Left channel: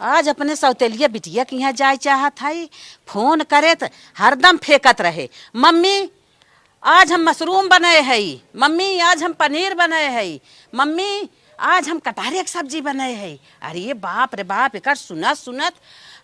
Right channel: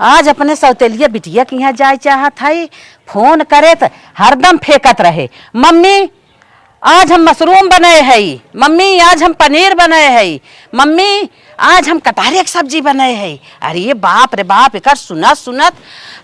आज अपने सौतेलिया बिटिया के यहाँ जाए चाहत हई। फोन करे तो हरदम फेंकत रहे, मम्मी आज हम मशरूम बनाए हई, मम्मी आज हम पनीर बनाए हई, मम्मी आज हम कटहरे की सब्जी बनाए हई। अरे बाप रे बाप, एकर सुनत सुनत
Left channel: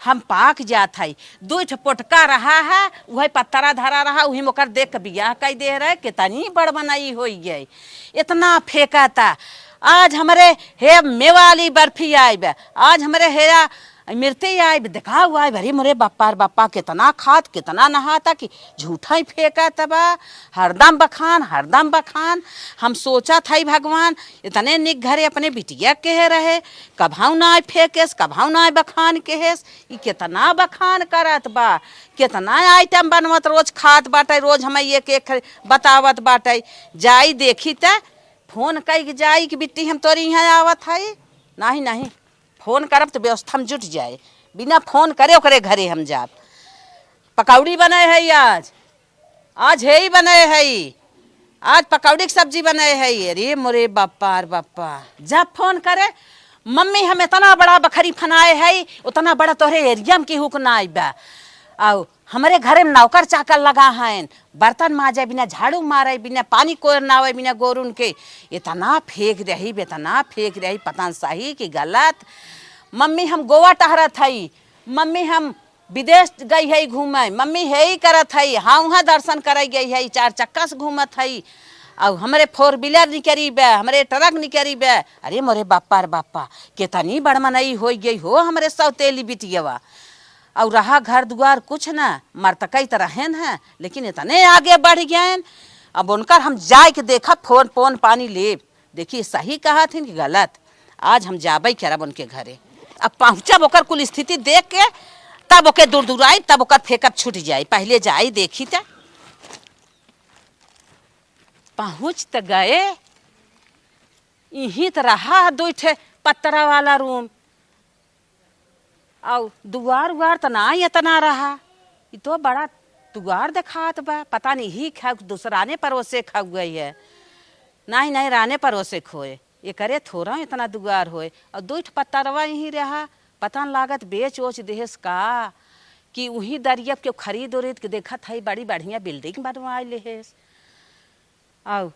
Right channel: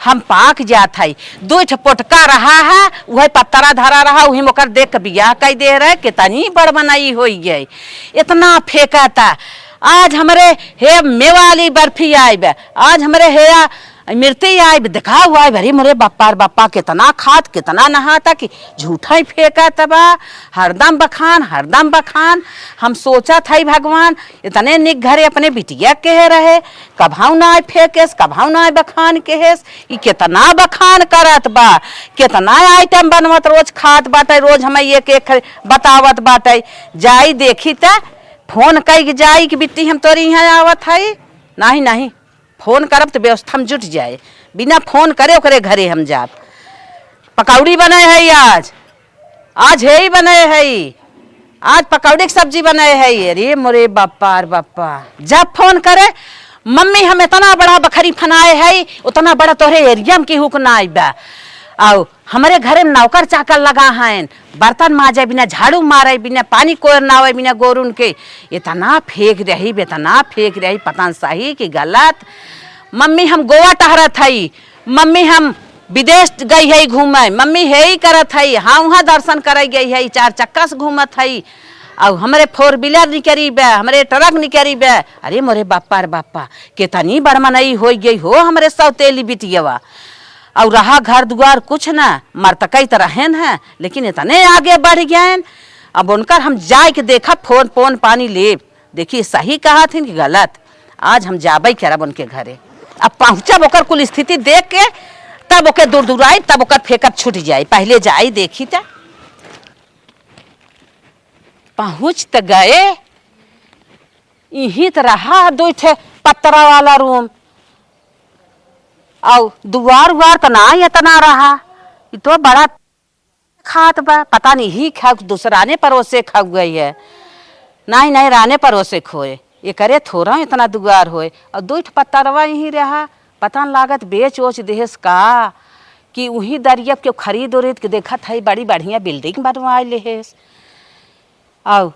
हम पाक जात हई। दो पोटका रहा है, वही पत्तरा धरा रहा, वही मोकर देख के बियाह कई दे रहे, कितनी बड़ बनाई हो गई। इतना फेंका था। आज हमारे हे मेवाली बर्फी आई बे, आज हमारे हेया मिर्ती आई बे, देखा हुआ है भरी मोरे बापा कितना खात कितना नहाता कि झूठा ही फेंका तबा। हरदम बखान हरदम बखान। हम सोचा था भगवान इतने निक घरे अपने बिटिया के रहे, कभाऊ ना आए फेंकेस कभाऊ ना आए बखान केहेस। ई कितना बखान करत बा, कितना आइटम बनवत रोज खात बाटे, रोज हमें एक एक बतावत बाटे। जाई देखी त फोन कई जाई कि बिट्टी हम तोरी यहाँ आवत हई। नहीं नहीं, फोन करब तो व्यवस्था में जुट जाए, बिना फोन करे ओकरे घरे हम जाब। पकौड़ी बने है आज है ही बने है, आज पकौड़ी की सब्जी बने है। अरे मोरे बापा रे बापा, जब फोन करे मम्मी हम इतना बड़ा बखरी फनाए है, उतना बड़ा तोहरे एरिया में केहू के ना आइबा। आओ हमारे घरे में नौकर चाकर लगा हैं, बर्तन माजे बिना झाड़ू मारे बिना पानी कोर ना आवे बिना गोरुन के। इतना फेंक रही इतना फेंक रही, पता सही कि गलत। मम्मी हम गोवा टहरत हई, मम्मी हम विदेश गई है घूमे, मम्मी है ही करत हई, हाँ वहाँ दर्शन करे गई है, चार चक्का से घूमत हई। और हमारे फोर व्हीलर निकरी बे, हमारे ट्रक निकरी बे। अरे मोरे बापा रे बापा, कितनी बड़ मनई हो गई हो हमारे सौतेली बिटियावा। और रहा घर द्वार कुछ ना, मरतकई तो रहेन है, लेकिन इतने आगे बढ़ गए। अब उनकर हम जाए के देखा फोन पोन पानी ले, देखिए सही कहा थी कि गलत। आज हम जाबई करब उनके घरे। अब पहुँचब ओकर कुल स्थिति देख के, तब ओके दूर दूर आई, तब ओकर फेंकत छूट जाए। पहले जाई देखी था। पहुँच तो गए, यही तो रहा दो पत्तरा वाला रूम, और दुआर उवार तो ना इतना रहा। ये तो बड़ा दुआर दिखात बा, पता नहीं ही खा दूसराने परोसे खा गई है। नहीं नहीं, राने परोसे खोए, ये करे थोड़ा इतना दुआर होए। और दो पत्तरवा यहीं रहा, पता न लागत बेच ओच देहस का कि वहीं दरियब के खरीद उरीद के देखत है बड़ी बढ़िया बिल्डिंग बनवा लेहेस। और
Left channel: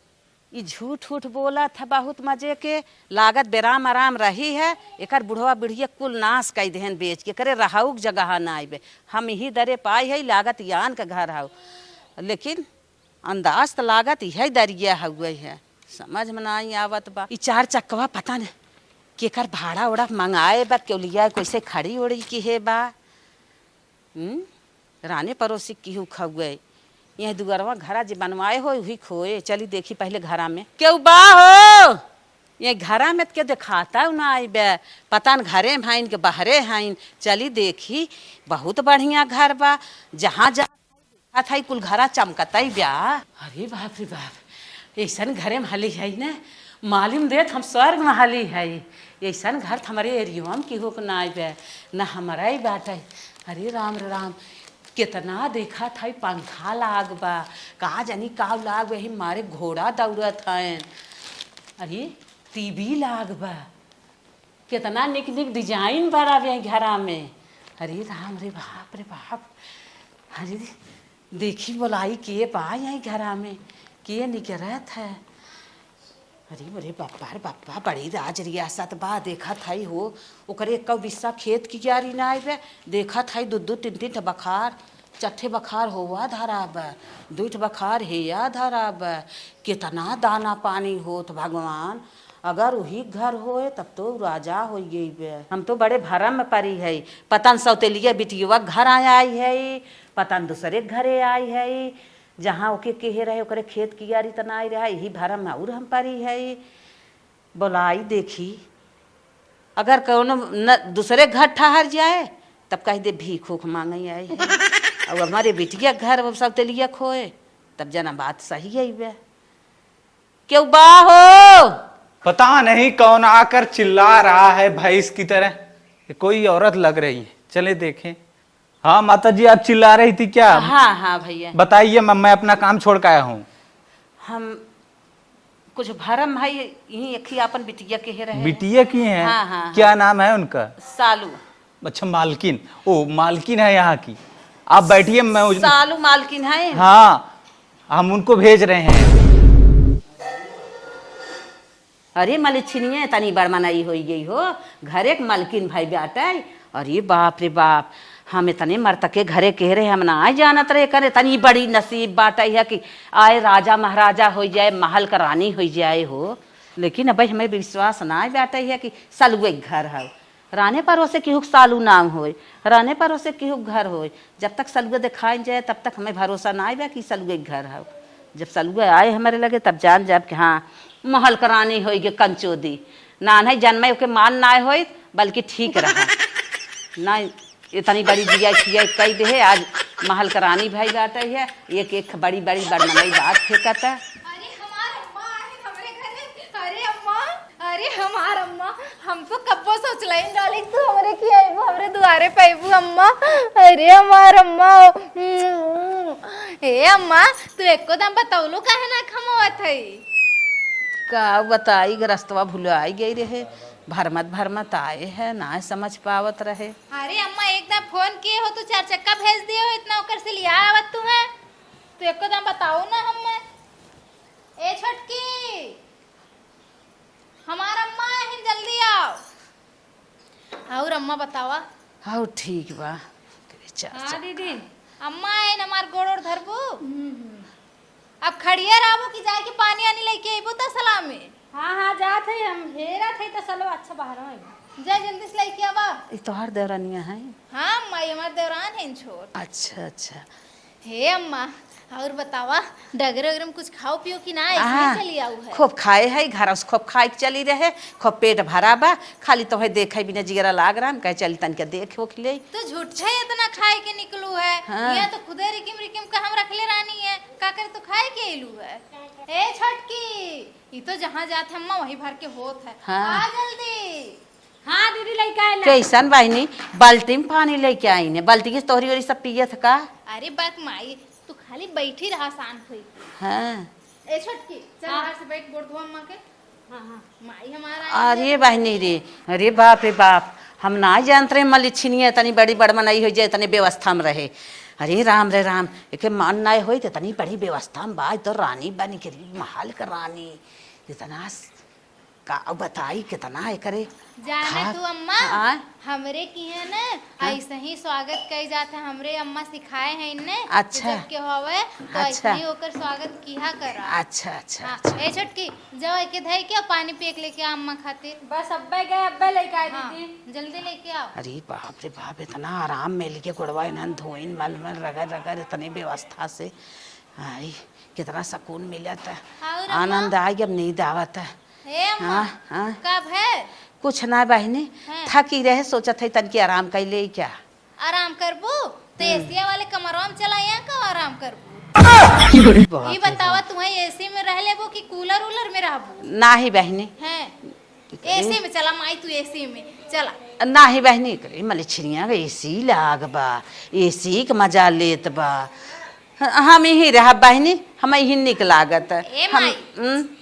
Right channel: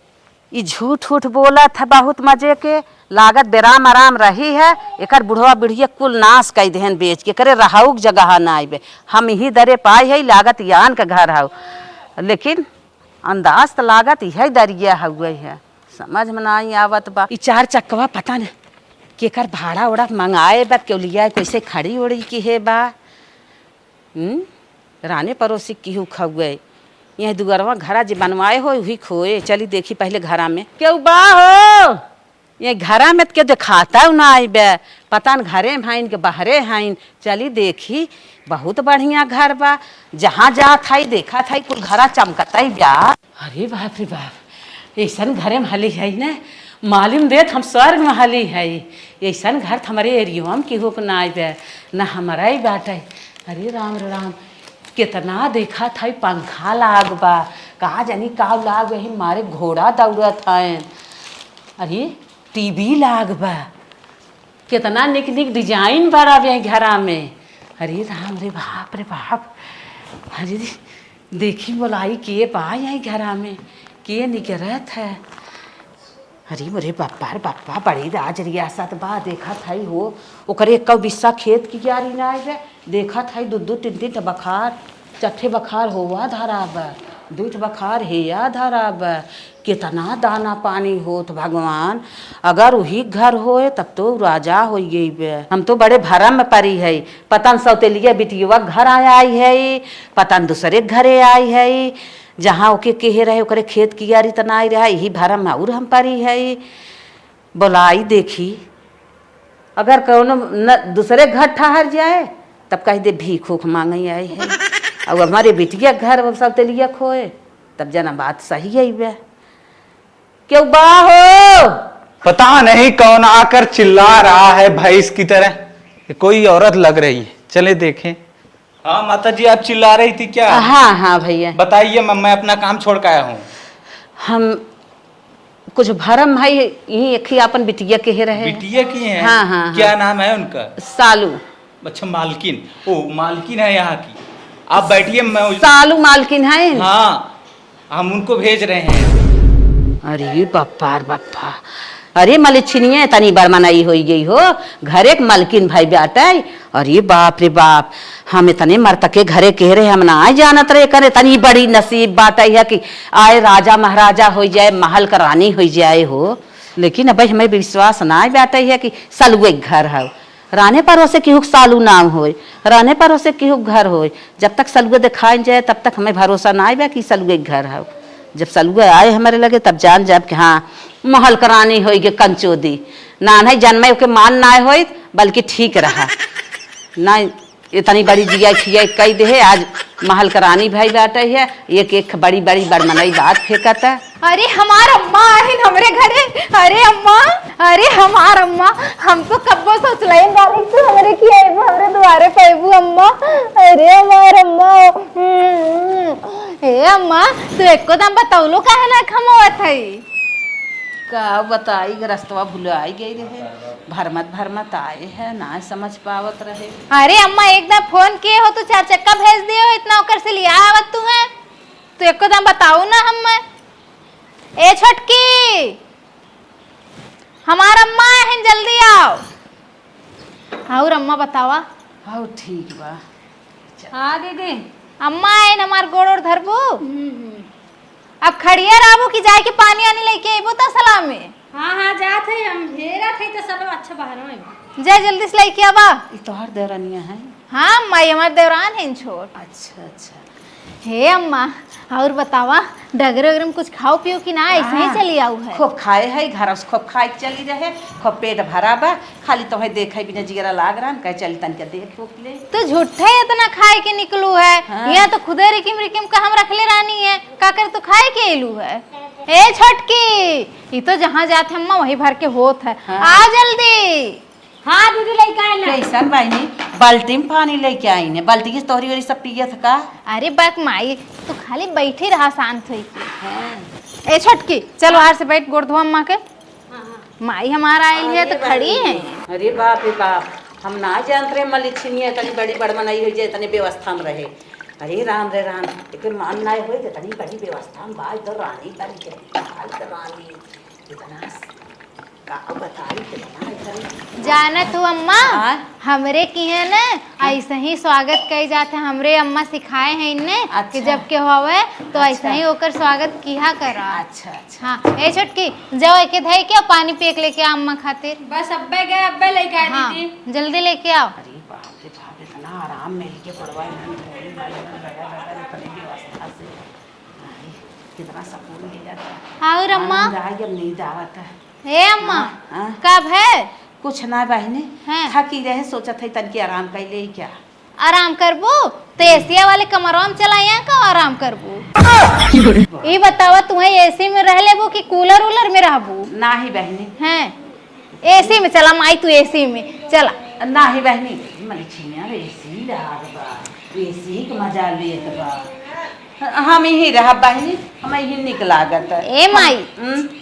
ये झूठ उठ बोला था बहुत मजे के, लागत बेराम आराम रही है। एकर बुढ़वा बुढ़िया कुल नाश कई देहन बेच के, करे रहाऊ जगह ना आइबे। हम यही दरे पाए है, लागत यान का घर हाउ, लेकिन अंदाज तो लागत यही दरिया हुए है, समझ में नहीं आवत बा। ई चार चक्कवा पता न केकर भाड़ा उड़ा मंगाए बा, क्यों लिया कैसे खड़ी उड़ी की है बा। राने पड़ोसी की खुए यह दुगरवा घरा जो बनवाए हो वही खोए। चली देखी पहले घरा में क्यों बा हो, ये घरा में के दिखाता ना आई बे, पता न घरे में हाइन के बाहरे हाइन। चली देखी बहुत बढ़िया घर बा, जहाँ जात है देखा था कुल घरा चमकता ही ब्या। अरे बाप रे बाप, ऐसा घरे में हली है ना, मालूम देत हम स्वर्ग में हली है। ऐसा घर हमारे एरिया में केहू के ना आई बे, ना हमारा ही बाटे। अरे राम राम, कितना देखा था पंखा लाग बा, कहा जानी का लाग वही मारे घोड़ा दौड़त है। अरे टीवी लाग बा, कितना निक निक डिजाइन बड़ा बे घरा में। अरे राम रे बाप रे बाप, अरे देखी बोलाई के बा यही घरा में के निकरत है। अरे मोरे बापा रे बापा, बड़ी राज रियासत बा। देखा था हो ओकरे एक बिस्सा खेत की क्यारी ना है, देखा था दो दो तीन तीन बखार, चट्ठे बखार होवा धरा बा, दूठ बखार हेया धरा बा। कितना दाना पानी होत भगवान, अगर वही घर होए तब तो राजा हो गई बे। हम तो बड़े भरम में पड़ी है, पता न सौतेलिया बिटिया घर आया आई है, पता न दूसरे घरे आई है, जहाँ ओके कहे रहे ओकरे खेत की यारी तना आई रहा, यही भरम में और हम परी है। बोलाई देखी अगर कौनो न दूसरे घर ठहर जाए तब कह दे भीख उख मांगे आई है, और हमारे बिटिया घर सौतेलिया खोए तब जना बात सही है बे। क्यों बा हो, पता नहीं कौन आकर चिल्ला रहा है भैंस की तरह, कोई औरत लग रही है, चले देखें। हाँ माता जी, आप चिल्ला रही थी क्या? हाँ हाँ भैया बताइए, मैं अपना काम छोड़ के आया हूँ। हम कुछ भरम है यही एक ही अपन बिटिया के रहे। बिटिया की है? हाँ हाँ क्या नाम है उनका? सालू। अच्छा मालकिन, ओ मालकिन है यहाँ की। आप बैठिए, मैं सालू मालकिन है। हाँ, हम उनको भेज रहे हैं। अरे बप्पा रे बप्पा, अरे मलिछिनिए तनी बड़मनाई हो गई हो, घरे के मलकिन भाई बेटा। अरे बाप रे बाप, हम इतने मरतके घरे कह रहे, हम ना जानत रहे करे तनी बड़ी नसीब बात है कि आए राजा महाराजा हो जाए, महल का रानी हो जाए हो। लेकिन अब हमें विश्वास ना बैठे है कि सलुए घर है। राने पर से केहू सालू नाम हो, रहने पर से केहू घर हो। जब तक सलुए दिखाई जाए तब तक हमें भरोसा ना आए कि सलुए घर है। जब सलुए आए हमारे लगे तब जान जाब कि हाँ महल करानी हो गे कंचोदी। ना नहीं जन्मे के मान ना हो, बल्कि ठीक रहा ना। इतनी बड़ी जिया खिया कई दे है, आज महल करानी भाई बैठे है, एक एक बड़ी बड़ी बड़मनाई बात फेंकत है। अरे हमार अम्मा है हमरे घरे। अरे अम्मा, अरे हमार अम्मा, हम तो कब्बो सोच रहे हैं तू हमरे की आईबू, हमरे द्वारे पैबू अम्मा। अरे हमार अम्मा, ए अम्मा तू एको दम बताउलो काहे ना खमवत है? का बताई रस्तवा भुलाई गई रहे, भरमत आए है ना समझ पावत रहे। अरे अम्मा एकदम फोन किए हो तो 4 चक्का भेज दियो, इतना ओकर से लिया आवत तू है? तू एको दम बताऊ ना हम। ए छोटकी, हमार अम्मा है, जल्दी आओ। और अम्मा बतावा। हाँ ठीक बा। हाँ दीदी, अम्मा है हमार गोड़ और धरबू। अब खड़िया राबू की जाए के पानी आने लेके आइबू त सलाम में। हाँ हाँ जात है, हम हेरा थे तो चलो अच्छा बाहर में जा जल्दी से लेके आवा। ये तोहार देवरानिया है? हाँ माई हमार देवरान है छोट। अच्छा अच्छा। हे अम्मा और बतावा, डगर वगर में कुछ खाओ पियो कि ना ऐसे ही चली आऊ है? खूब खाए है घर से, खूब खाए चली रहे, खूब पेट भरा बा, खाली तो है देखे बिना जिगरा लाग रहा कह चल तन के देख हो ले। तो झूठे इतना खाए के निकलू है। हाँ। यहाँ तो खुदे रिकिम रिकिम का हम रखले रानी है, का कर तो खाए के एलू है। ए छोटकी, ये तो जहाँ जाते अम्मा वही भर के होत है। हाँ। आ जल्दी। हाँ दीदी लेके आए ना। कैसन बहनी, बाल्टी में पानी लेके आई ने, बाल्टी की तोहरी वाली सब पियत का? अरे बक माई, तू खाली बैठी रहा शांत होई के। हाँ। ए छोटकी चल बाहर से बैठ, गोड़ धोआ अम्मा के। माई हमारा आई है अरे तो खड़ी बहनी है। जी, अरे बाप रे बाप, हम ना जानते रहे मलिछिनिया तनी बड़ी बड़मनाई हो जाए, तनी व्यवस्था में रहे। अरे राम रे राम, एक मान ना हो तनी बड़ी व्यवस्था में बा, तो रानी बन के हाल कर रानी इतना का बताई कितना है करे। जाना तू अम्मा, हाँ? हमरे की है ना ऐसे ही स्वागत कई जाते, हमरे अम्मा सिखाए हैं इन्हें कि अच्छा। जब के होवे तो अच्छा। ऐसे ही होकर स्वागत किया करा। अच्छा अच्छा। हाँ ए छोटकी, जाओ एक धई के पानी पिए के लेके आ अम्मा खातिर। बस अब्बे गए, अब्बे लेके आए हाँ दीदी। जल्दी लेके आओ। अरे बाप रे बाप, इतना आराम मिल के गोड़वा इन्हन धोई वाले में रगड़ रगड़ इतनी व्यवस्था से आई, कितना सुकून मिल जाता है। और अम्मा? आनंद आ गया, नींद आवता है। ए अम्मा, हाँ, हाँ। कब है? कुछ ना बहनी, हाँ। थकी रहे, सोचा था तन की आराम कर ले क्या। आराम करबू तो एसिया वाले कमरों में चला, यहाँ का आराम करबू? ये बतावा, तुम्हें एसी में रह लेबू कि कूलर वूलर में रहबू? ना ही बहनी, हैं एसी में चला माई, तू एसी में चला। ना ही बहनी, मलिछिनिया एसी लाग बा, एसी का मजा लेत बा, हम ही रह बहनी, हम ही निक लागत। ए माई,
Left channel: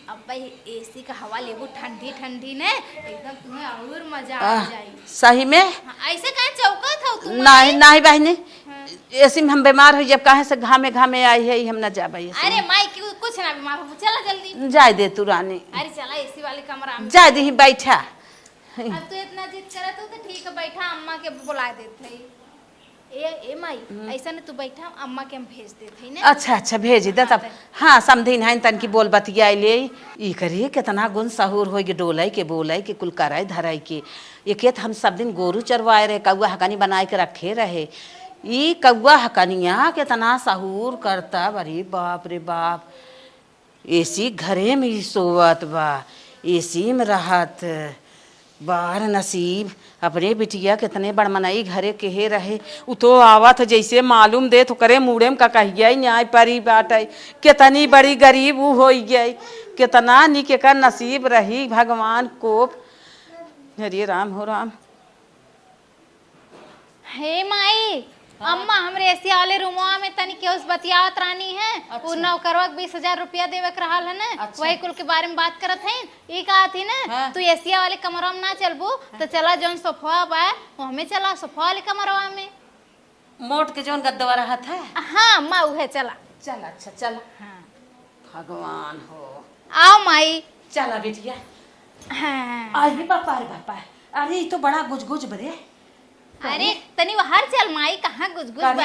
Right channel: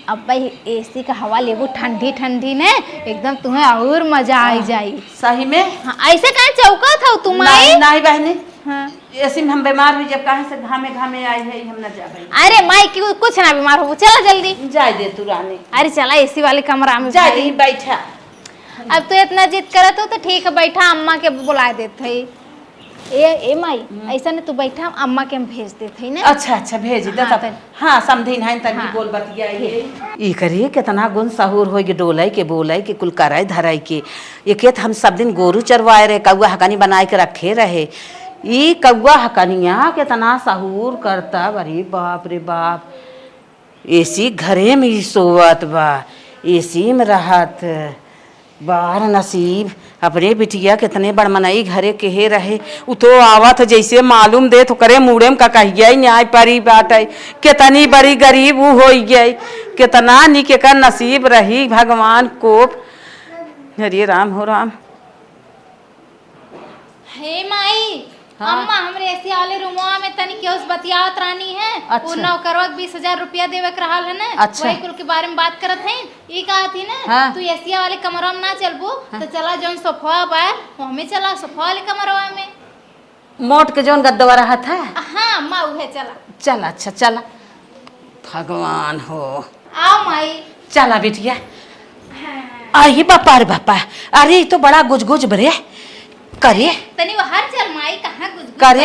अब भाई एसी का हवा लेबू ठंडी ठंडी ने, एकदम तुम्हें और मजा आ जाई। सही में? हाँ, ऐसे कहाँ चौका था तुम? नहीं नहीं बहनी, हाँ। ऐसे में हम बीमार हुई, जब कहे से घामे घामे आई है, हम न जा भाई। अरे माई क्यों, कुछ ना बीमार हो, चला जल्दी। जाए दे तू रानी, अरे चला एसी वाले कमरा में। जा दे बैठा। अब तो इतना जिद करत हो तो ठीक है, बैठा, अम्मा के बुला देते। ए माई, ऐसा नहीं तू बैठा, अम्मा के हम भेज देते ना। अच्छा अच्छा भेज दे हाँ, तब। हाँ समझी नहीं तन की बोल बतिया ले। ई करिए कितना गुण सहूर हो गए, डोलाई के बोलाई के कुल कराई धराई के। ये खेत हम सब दिन गोरू चरवाए रहे, कौआ हकानी बनाए के रखे रहे। ई कौआ हकानिया कितना सहूर करता, अरे बाप रे बाप। एसी घरे में ही सोवत बा, एसी में रहत, बाहर नसीब अपने बिटिया कितने बड़मनाई घरे के रहे। उ तो आवत जैसे मालूम दे तो करे मुड़े में का कहिए न्याय परी बात है, कितनी बड़ी गरीब उ हो गई, कितना निके का नसीब रही भगवान को। हरे राम हो राम। हे माई, अम्मा हमरे ऐसे वाले रूमवा में तनी केहू से बतियावत रानी है। अच्छा। वो नौकरवा के 20,000 रुपया देवे के रहल है ना। अच्छा। वही कुल के बारे में बात करत है। ई कहा थी ना हाँ। तू एसिया वाले कमरा में ना चलबो तो चला जोन सोफा बा वो हमें चला सोफा वाले कमरवा में। मोट के जौन गद्दवा रहत है। हाँ अम्मा उहे चला। चल अच्छा चला, भगवान हो। आओ माई। चला बिटिया। हाँ। आई बापा रे बापा, अरे ये तो बड़ा गुज बरे करे तनी बाहर चल माई, कहाँ कुछ करे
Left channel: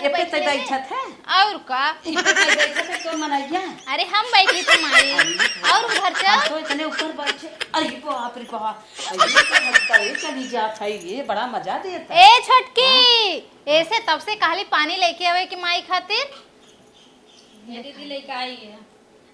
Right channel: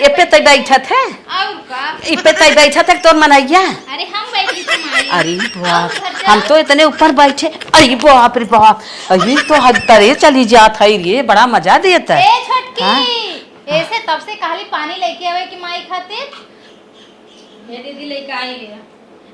ये पे तो बैठत है। और का ये पे तो बैठत है तोर मनैया। अरे हम बैठे थे माई। अरे बाप, हम तो इतने ऊपर बैठे। अरे बाप रे बाप, अरे तो हद तरे चली जात है रे, बड़ा मजा देता है। ए छटकी ऐसे तब से कहली पानी लेके आवे कि माई खातिर। ये दीदी लेके आई है,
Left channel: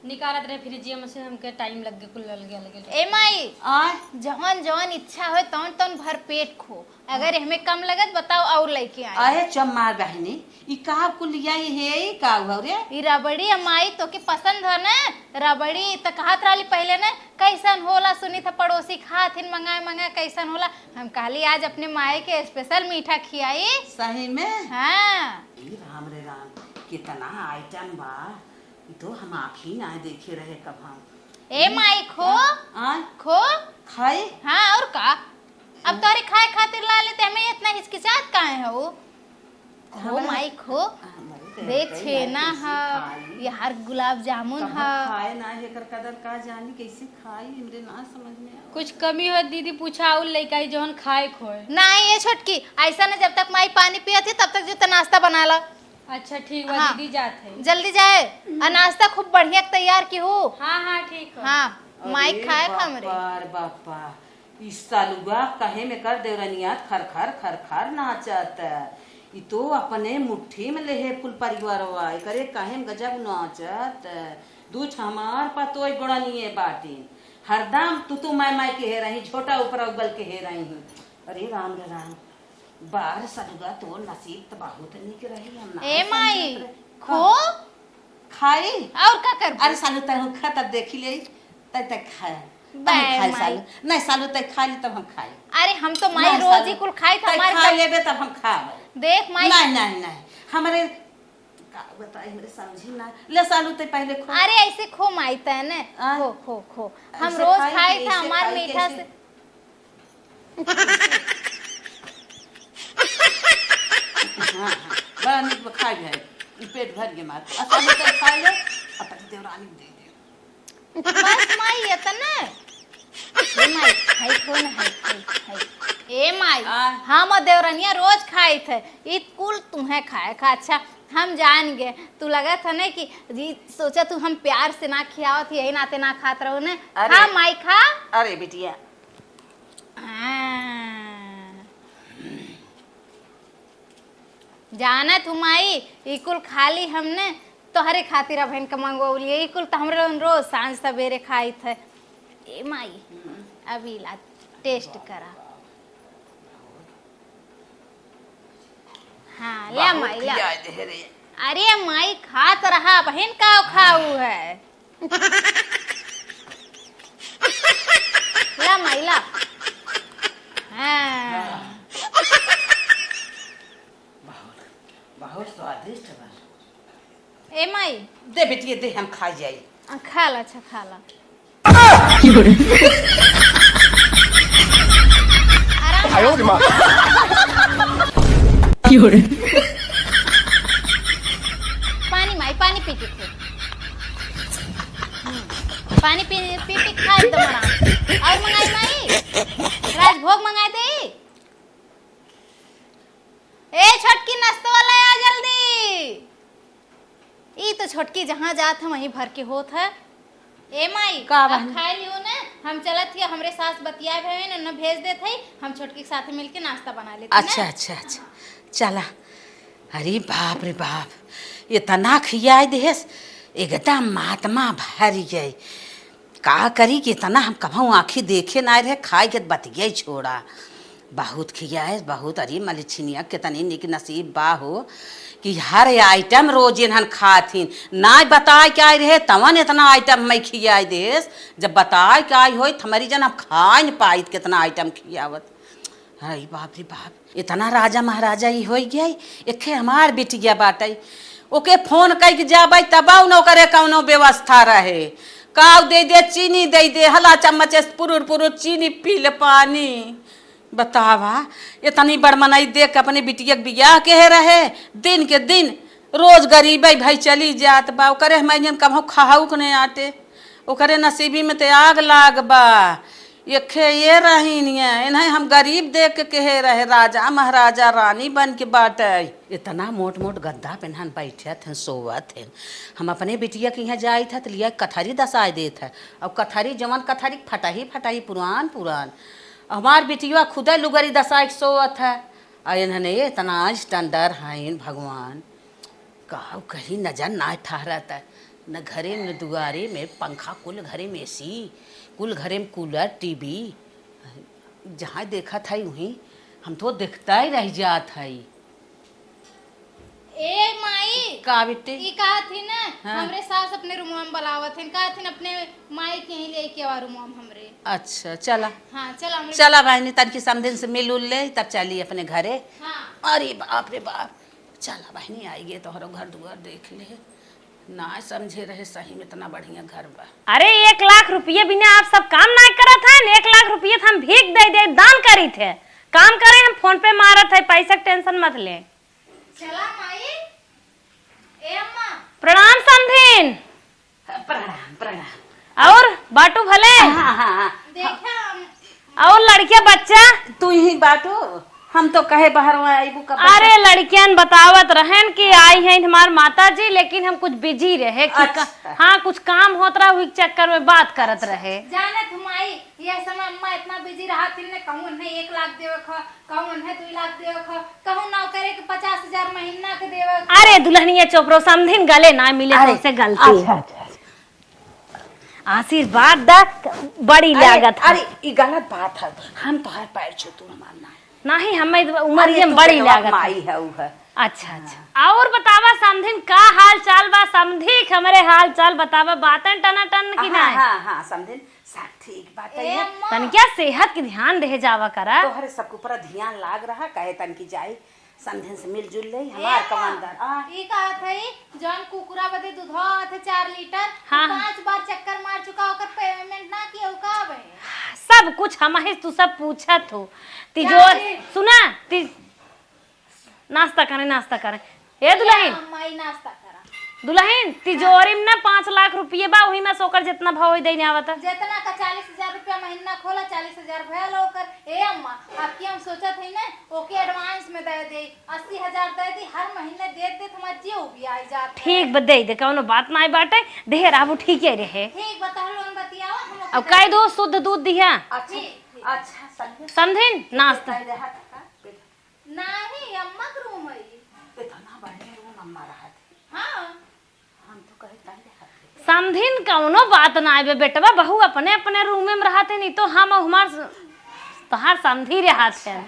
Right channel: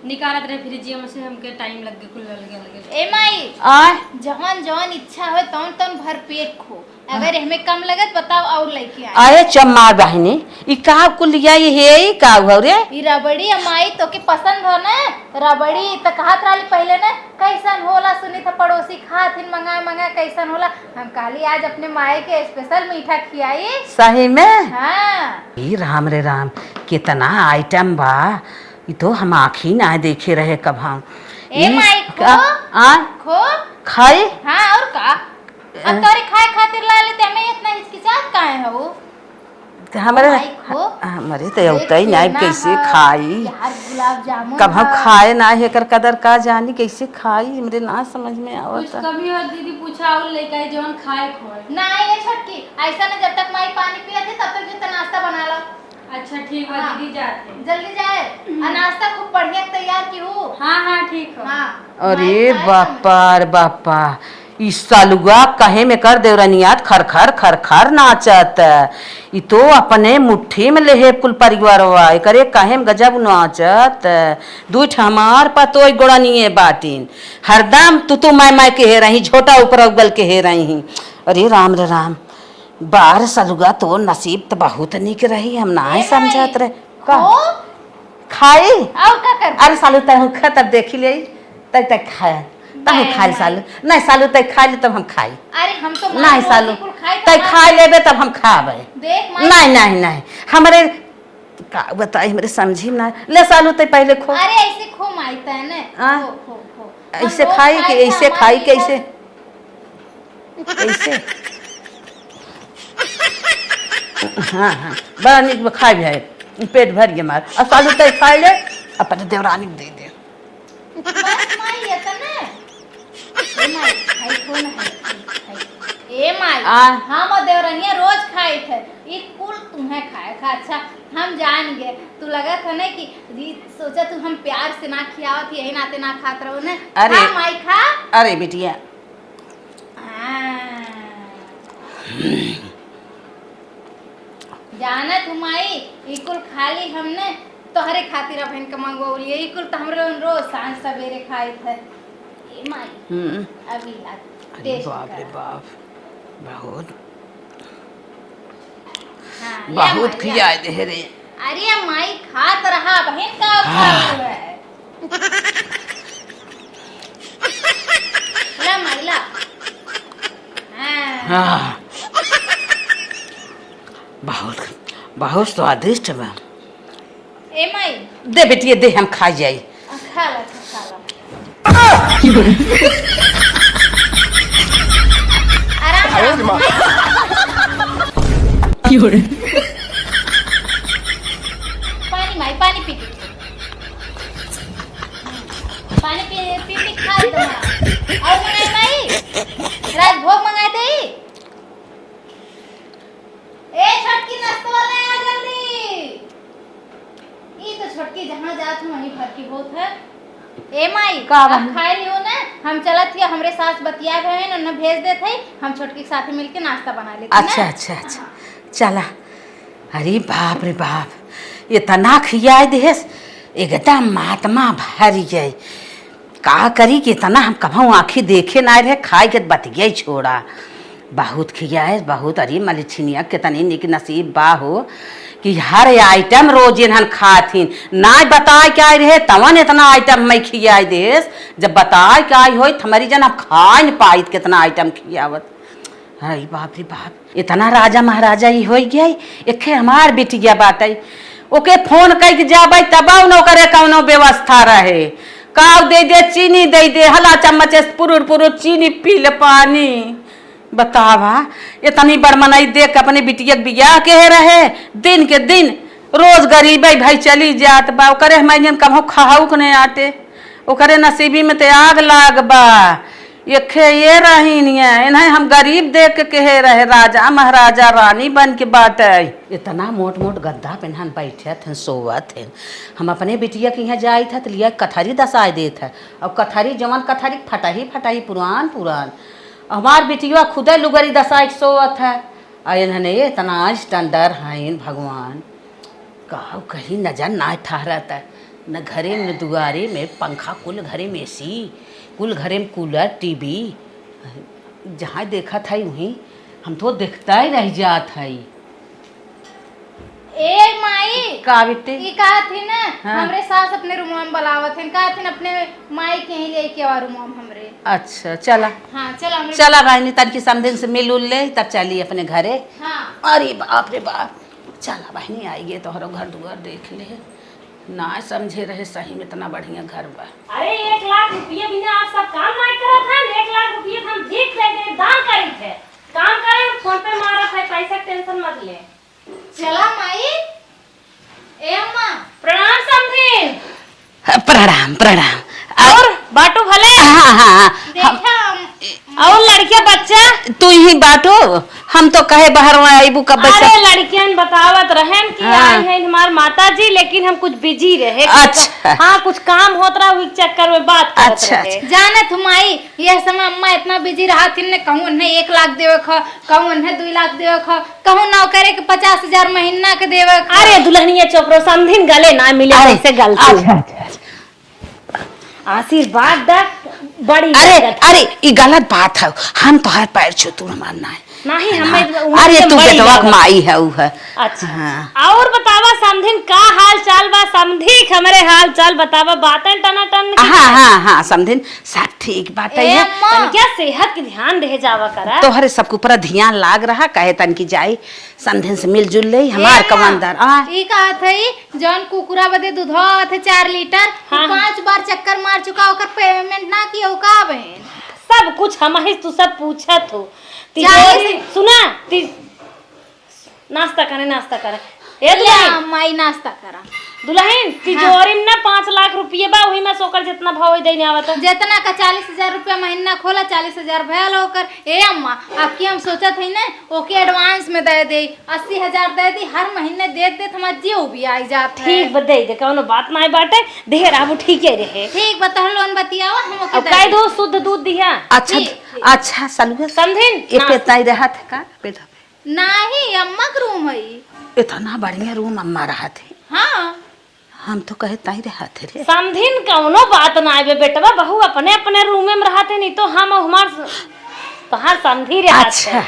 निकालत रहे फ्रिज में से, हमके टाइम लग गया, खुल लगे। ए माई आय जवन जवन इच्छा हो तवन तवन भर पेट खो, अगर हमें कम लगत बताओ और लेके आए। आए चम्मा बहनी, ई का कुल लिया ये है ई का हो रे? ई रबड़ी अम्माई तो के पसंद है ना। रबड़ी तो कहत रहली पहले ना कैसन होला, सुनी था पड़ोसी खाथिन मंगाए कैसन होला। हम कहली आज अपने माए के स्पेशल मीठा खियाई। सही में? हाँ ई राम रे राम, कितना आइटम बा, ये तो हम आँखी ना देखे रहे कब हम। ए माई खो आ खो खाए। हाँ और का अब तोरे खाए खातिर ला लेते हमें इतना हिचकिचात काहे हो? हमारे माई खो हमारे तो होता ही नहीं, कैसे खाई यार गुलाब जामुन कब हम खाए ना है कर कदर का जानी, कैसे खाई मेरे ना समझ में कुछ आवत। कमी हो दीदी पूछा और लेके आई जवन खाए खोए। नहीं ये छोटकी ऐसा ना, जब तक माई पानी पियत है तब तक जो नाश्ता बना लो। अच्छा ठीक है हाँ। दीदी जाते। जल्दी जाए और नाश्ता खूब बढ़िया तैयार की हो। हाँ ठीक है। हाँ अरे बापा रे बापा, ई सालुआ कहे में कर देवरनियात खर खर खर खर नाचत। ई तो अपने मुट्ठी में लेहे कुल परिवारवा, करे कहे में गजब नाचत। दूठ हमार पतोई गोड़निए बाटिन, हरदम तू मैं के हे रही, झोटा ऊपर उगल के हे रही। अरे राम रे राम, बार सालुआ तो नसीब तो बहुत निक रही, हम ना ही समझत रहे। का खाई और का कर? अरे सालू तय खा तब देखी ले, तय तक खाया तब खाई सालू, नहीं सालू तय खा ले तब हम खाई। अरे हम तो नहीं सालू तय खा लेबे तब हम खाबे। देख नहीं हमारे का बताई, हमरे समझी ना। ले सालू तय पहले खो। अरे ऐसे खो माईता है ना, खो खो खो ऐसे खाई के ऐसे खाई कैसे ऐसे? हाँ बड़ा निक खाई भी है, पेट भर गया मार। और सालू तय खा ले, अपने देवरानी को दे दे। बस माई ये तो ना ए माई हम और देवरनिया रोज खाए थे, एक कुल तुम्हें खाए खा। अच्छा हम जान गए, तू लगा था ना कि सोचा तू हम प्यार से ना खियावत, यही नाते ना खात रहो ना। अरे खा माई खा। अरे बिटिया जाना तू माई ई कुल खाली हमने तोहरे खातिर बहन के मंगवली, ई कुल तो हमरे रोज सांझ सवेरे खाई थे। ए माई अभी ला टेस्ट बाप रे कर। बाप, बहुत हाँ, या बहुत माई, खिया या। दे रे। अरे माई खात रहा बहन का खाऊ है ला माई ला। हाँ बहुत बहुत स्वादिष्ट बा। ए माई दे बेटिए दे, हम खा जाई। खा ला खा ला। पानी माई पानी पी पानी पी खा और मंगाई नहीं राजभोग मंगाए थे। ए छोटकी नाश्ता वाला आ जल्दी। ई तो छोटकी जहाँ जात है वहीं भर के होत है। ए माई अब खाए लियो ना, हम चलत हिया, हमरे साथ बतिया रहे हैं न भेज देत है, हम छोटकी के साथ मिलके नाश्ता बना लेते हैं। अच्छा अच्छा अच्छा चला। अरे बाप रे बाप, इतना खिया देस एकदम महात्मा भर जाए। का करी कि इतना हम कभू आँखी देखे ना रहे, खाए के बतिया छोड़ा। बहुत खियाए बहुत। अरे मलिछिनिया कितनी निक नसीब बा हो कि हर आइटम रोज इन्हन खाथिन। ना बताए क्या रहे तवन इतना आइटम मैं खियाए देस, जब बताए क्या हो हमारी जन अब खा न पाई कितना आइटम खियावत। हाय बाप रे बाप, इतना राजा महाराजा ही हो गया। एक हमार बिटिया बाटे, ओके फोन करके जाबे तब न करे कौनो व्यवस्था रहे। काव दे दे, चीनी दे दे, हला चम्मच से पुरुर पुरुर चीनी पी ले पानी। बतावा इतनी बड़मनाई देख अपने बिटिया के बियाह के रहे, दिन के दिन रोज गरीबे भाई चली जात बा। ओकरे मैंने कभो खाऊ के नहीं आटे, ओकरे नसीबी में ते आग लाग बा। ये रही इन्हें हम गरीब देख के कहे रहे राजा महाराजा रानी बन के बात है। इतना मोट मोट गद्दा पेनहन बैठे थे सोवत थे। हम अपने बिटिया के यहाँ जाए थे तो लिया कथारी दसाए दे थे, और कथारी जवन कथारी फटाही पुरान पुरान। हमार बिटिया खुदे लुगरी दसाए सोवत है। और इन्होंने इतना स्टैंडर हैं भगवान, कहू कहीं नजर ना ठहरता है, न घरे न दुआरे में पंखा, कुल घरे में एसी, कुल घरे में कूलर टीवी। जहाँ देखा था वहीं हम तो देखता ही रह जात है। ए माई का बिटे ई कहा थी ना, हाँ। हमरे सास अपने रूम में बुलावत हैं, कहा थी अपने माई के ही लेके आ रूम में हमरे। अच्छा चला हाँ चल हमरे। चला बहनी, तन की समदिन से मिल उल ले तब चली अपने घरे। हाँ अरे बाप रे बाप, चला बहनी आइए तोहरो घर दुआर देख ले। ना समझे रहे सही में इतना बढ़िया घर बा। अरे 1 लाख रुपये बिना आप सब काम ना करत हैं। 1 लाख रुपये हम भीख दे दे दान करी थे, काम करे हम फोन पे मारत है, पैसा के टेंशन मत ले। चला माई। ए अम्मा प्रणाम समधीन। प्रणाम प्रणाम। और बाटू भले। हाँ हाँ देखा और लड़कियां बच्चा तू ही बाटो, हम तो कहे बाहर आईबू कब से। अरे लड़कियन बतावत रहन कि हाँ। आई है हमार माता जी, लेकिन हम कुछ बिजी रहे। अच्छा। हाँ कुछ काम होत रहा, उस चक्कर में बात करत अच्छा, रहे। जाने तुम माई यह समय अम्मा इतना बिजी रहा थी ने, कहूँ ने 1 लाख देवे खा, कहूँ ने 2 लाख देवे खा, कहूँ ना करे के 50,000 महीना के देवे खा। अरे दुल्हनिया चोपरो समधिन गले ना मिले अरे, कैसे गलती। अच्छा अच्छा अच्छा। आशीर्वाद दा बड़ी अरे लागत है। अरे ये गलत बात है, हम तो हर पैर छू तू मानना है। नहीं हमें अरे तू बेटवा के माई है ऊ है। अच्छा हाँ। और बतावा समधिन का हाल चाल बा? समधी हमरे हाल चाल बतावा, बातें टना टन की हाँ हाँ हाँ समझिन सब ठीक बात ए है। अम्मा तन क्या सेहत के ध्यान रह जावा करा। तोहरे सबके ऊपर ध्यान लाग रहा, कहे तन की जाई समझिन से मिलजुल ले हमार कमानदार। ई कहा थई जौन कुकुरा बदे दूधवा आवत है 4 लीटर, हाँ। 5 बार चक्कर मार चुका, ओकर पेमेंट ना किया का बहन। सब कुछ हम ही तू सब पूछत हो। जाए सुना नाश्ता करे ए या दुल्हन माई नाश्ता करा। दुल्हन तिजोरी में ना 5 लाख रुपये बा, वही में सोकर जितना भाव है देने आवत। जितना का 40,000 रुपया महीना खोला, 40,000 भयल होकर। ए अम्मा आपकी हम सोचत है ना ओके एडवांस में दे दे, 80,000 दे दी, हर महीने दे दे हमार जीव भी आई जात है। ठीक बदे दे कौनो बात ना बाटे, ढेर आबू ठीक है रहे। ठीक बता लोन बतियावा हम ओके अब दे काय देब। दो शुद्ध दूध दिया अच्छा अच्छा सलुए समझिन ये पेतना ही रहा था का बेटा? नहीं अम्मा का रूम है। इतना बढ़िया रूम अम्मा रहा थे, हाँ हम तो कहे ताई रहा थे रे। समझिन कौनो बात ना आवे बेटवा, बहू अपने अपने रूम में रहते, नहीं तो हम हमार तोहार समझी रहा। अच्छा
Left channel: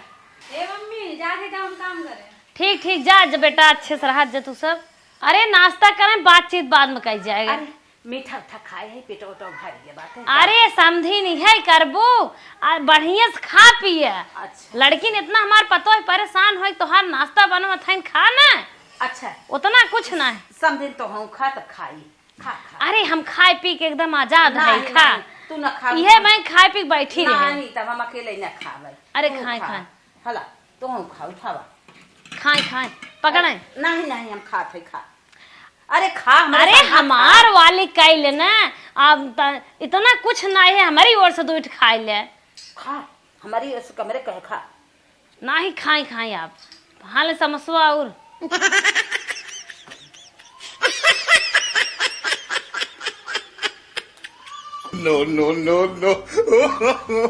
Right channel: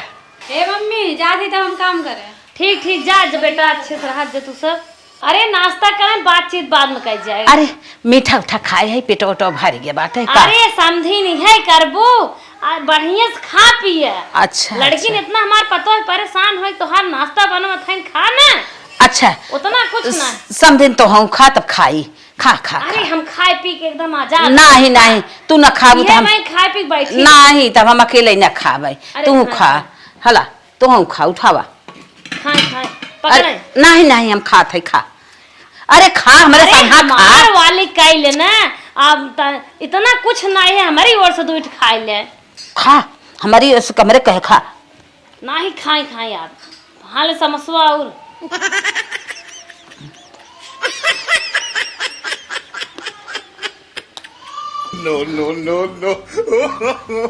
ए मम्मी जाती तो हम काम करे। ठीक ठीक जा बेटा, अच्छे से रहा तू सब। अरे नाश्ता करें, बातचीत बाद में कर जाए। अरे मीठा उठा खाए है, पेटो उटो भर गया बात है का? अरे समझी नहीं है करबू बढ़िया से खा पिए। अच्छा लड़की ने अच्छा। इतना हमार पतो है परेशान हो, तोहार नाश्ता बनवा खाइन खा ना, अच्छा उतना कुछ ना। समझिन तो हम खा तब खाई खा खा अरे हम खाए पी के एकदम आजाद। नहीं नहीं तू न खाबू तो हम मैं खाए पी के बैठी नहीं, तब हम अकेले न खाबे, अरे तू खाए, खा खाए। हला तू हम खा उठावा। खाए खाए पकड़े। नहीं नहीं हम खाते खा। अरे खा हमारे अरे साथ खा। हमार वाली काई लेना, अब इतना कुछ ना है हमारी ओर से दूध खाए ले। खा हमारी उस कमरे कहे खा। नहीं खाए खाए आप हाल समसवा और No, no, no, no.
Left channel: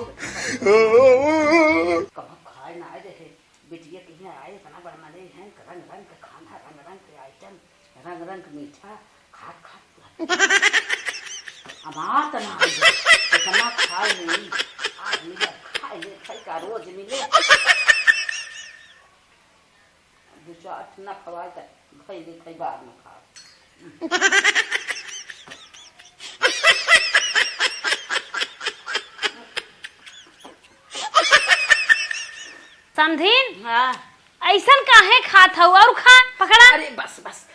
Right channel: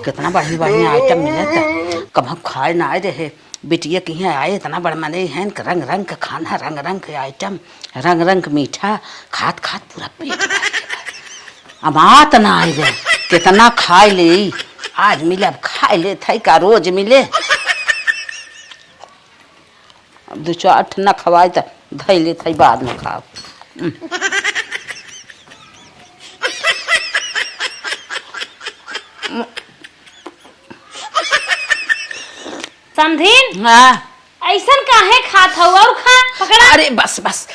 कितना बढ़िया बढ़िया आइटम मिला, कब हम खाए ना आए रहे। बिटिया की यहाँ आए इतना बड़ा मने हैं, रंग रंग का खाना, रंग रंग के आइटम, रंग रंग मीठा, खात खात पूरा पेट अब आत ना आए गए। कितना खाए ले, आज मिले अब खाए ले थे का रोज मिले। अब 2-4 न खवाए तो धै ले थे बाद में खाओ। हाँ ऐसन काहे खात हौ और खा पकड़ा। अरे बस बस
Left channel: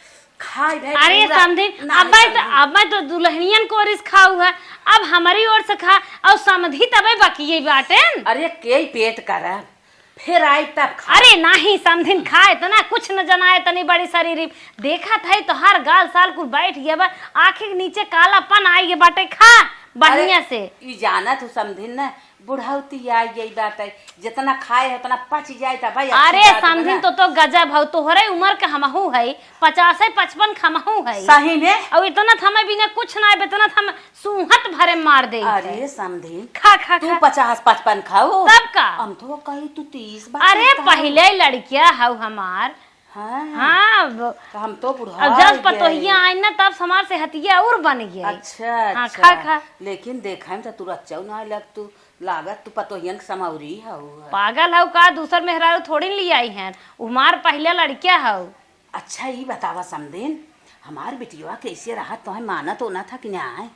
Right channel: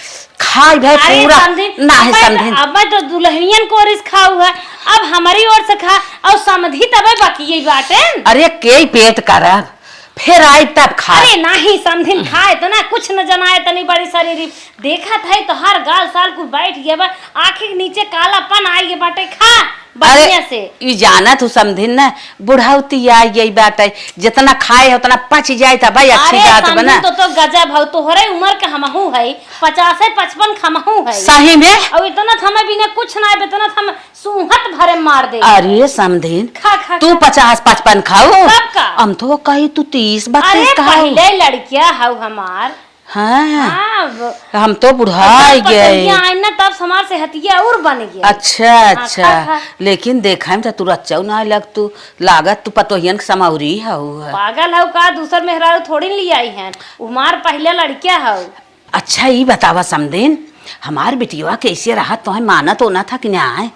खाई भाई अरे पूरा समधिन, ना है समधिन। अब मैं तो दुल्हनियन को रिस खाऊ है, अब हमारी ओर से खा और समधी तबे बाकी यही बाटे। अरे के पेट करब फिर आई तब खा। अरे नहीं समधिन खाए तो ना कुछ न जनाए तनी बड़ी शरीर देखा था तो हर गाल साल कुछ बैठ गया बा, आँखी के नीचे कालापन आई गया बाटे। खा बढ़िया से। ई जाना तू समधिन ना बुढ़ाउती आई गई बाटे, जितना खाए उतना पच जाए था भाई अच्छी अरे बात बना। तो गजब हो, तोहरे उम्र का हमहू है 50-55 खमहू है सही में। और इतना थमे बिना कुछ ना इतना थम सूहत भरे मार दे। अरे समधिन खा खा तू 50-55 खाओ, कब का? हम तो कही तू 30-32 अरे खाओ। पहले लड़किया हौ हमार। हाँ हाँ हम तो बुढ़ा गए। आई ना तब समार से हतिया और बन गया। अच्छा अच्छा खा, खा। लेकिन देखा में तू रच्चा ना लग तू लागत तू पतोहियन समाउरी हऊ। पागल हौ का, दूसर मेहरारू थोड़ी ली आई हैं, उमार पहले लड़किया हौ। अच्छा ये बतावा समधिन हमार बिटिया कैसे रहा तुम्हें मानत होना था कि ना आए?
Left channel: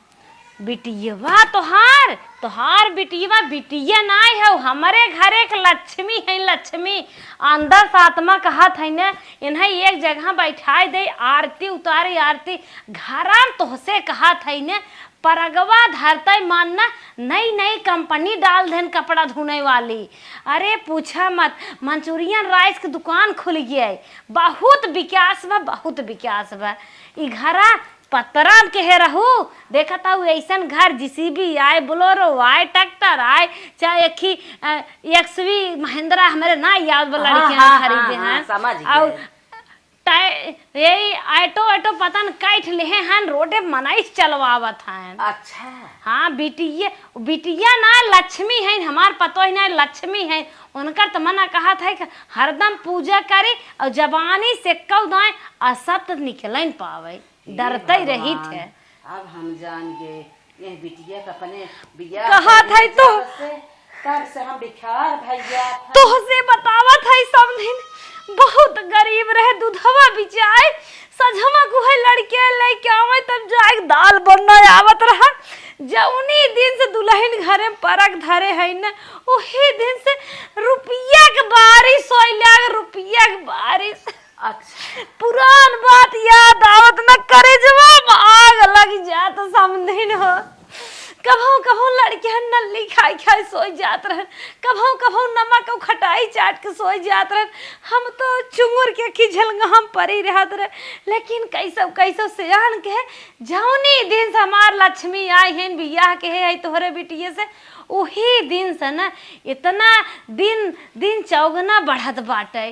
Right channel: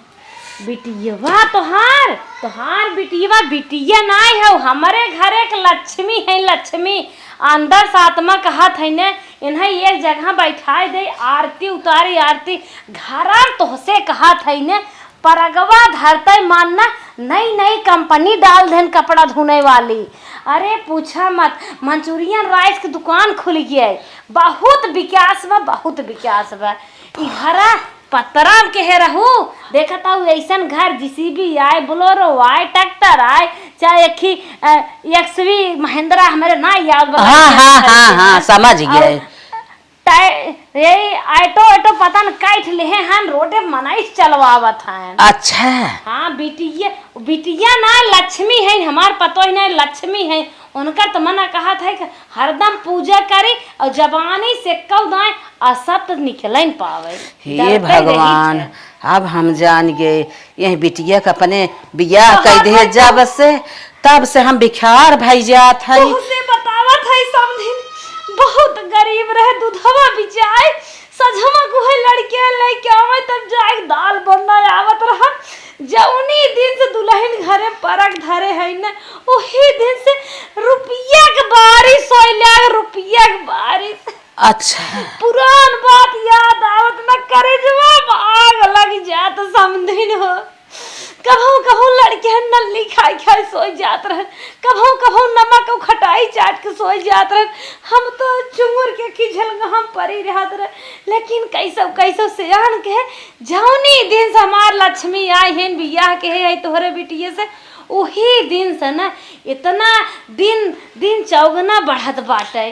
बिटिया तोहार बिटिया बिटिया नाई हौ, हमारे घर एक लक्ष्मी है लक्ष्मी। अंदर सातमा कहत है ने इन्हें एक जगह बैठाए दे, आरती उतारी आरती घर तोहसे कहत है ने परगवा धरते मानना नई नई कंपनी डाल देन कपड़ा धोने वाली। अरे पूछा मत, मंचूरियन राइस की दुकान खुल गया है, बहुत विकास बा बहुत विकास बा। ई घर पतरा के है रहू देखा था ऐसन घर जीसीबी आए, बोलोरो आए, ट्रैक्टर आए, चाहे एक ही एक्सवी महिंद्रा हमारे ना याद हाँ समझ गए। यही ऑटो पता न काट ले हैं हम रोडे मनाइस चलवावत हैं। अच्छा हाँ बिटिया ना लक्ष्मी है हमार पतो ही ना लक्ष्मी है, उनका तो मना कहा था कि हरदम पूजा करे और जबानी से कौ दाए असत निकल पावे। हे भगवान अब हम जान गए यही बिटिया का अपने बियाह कर दे जब से तब से हम बिखार भाई जात है। बतावत है सब दिन बहुत गरीब रहे, दूधवा बिचाए सजमा को है लड़के लेके आवे तब जाए दाल बनना आवत रहा। जौनी दिन से दुल्हन घरे परक धरे है ना वही दिन से रुपया के बारिश होइला, रुपया के बारिश। अच्छा पुरान बात याद आवत न करे जब आग लग जात समझिन हो। कभू लड़कियां नल्ली खाई खाई सोई जात रहे, कभू नमक खटाई चाट के सोई जात रहे। हम तो चुंगुर के खिझल हम परी रहत रहे, लेकिन कैसो सियान के जौनी दिन से हमार लक्ष्मी आई है बियाह के है तोहरे बिटिया से वही दिन से ना इतना दिन चौगुना बढ़त बाटे।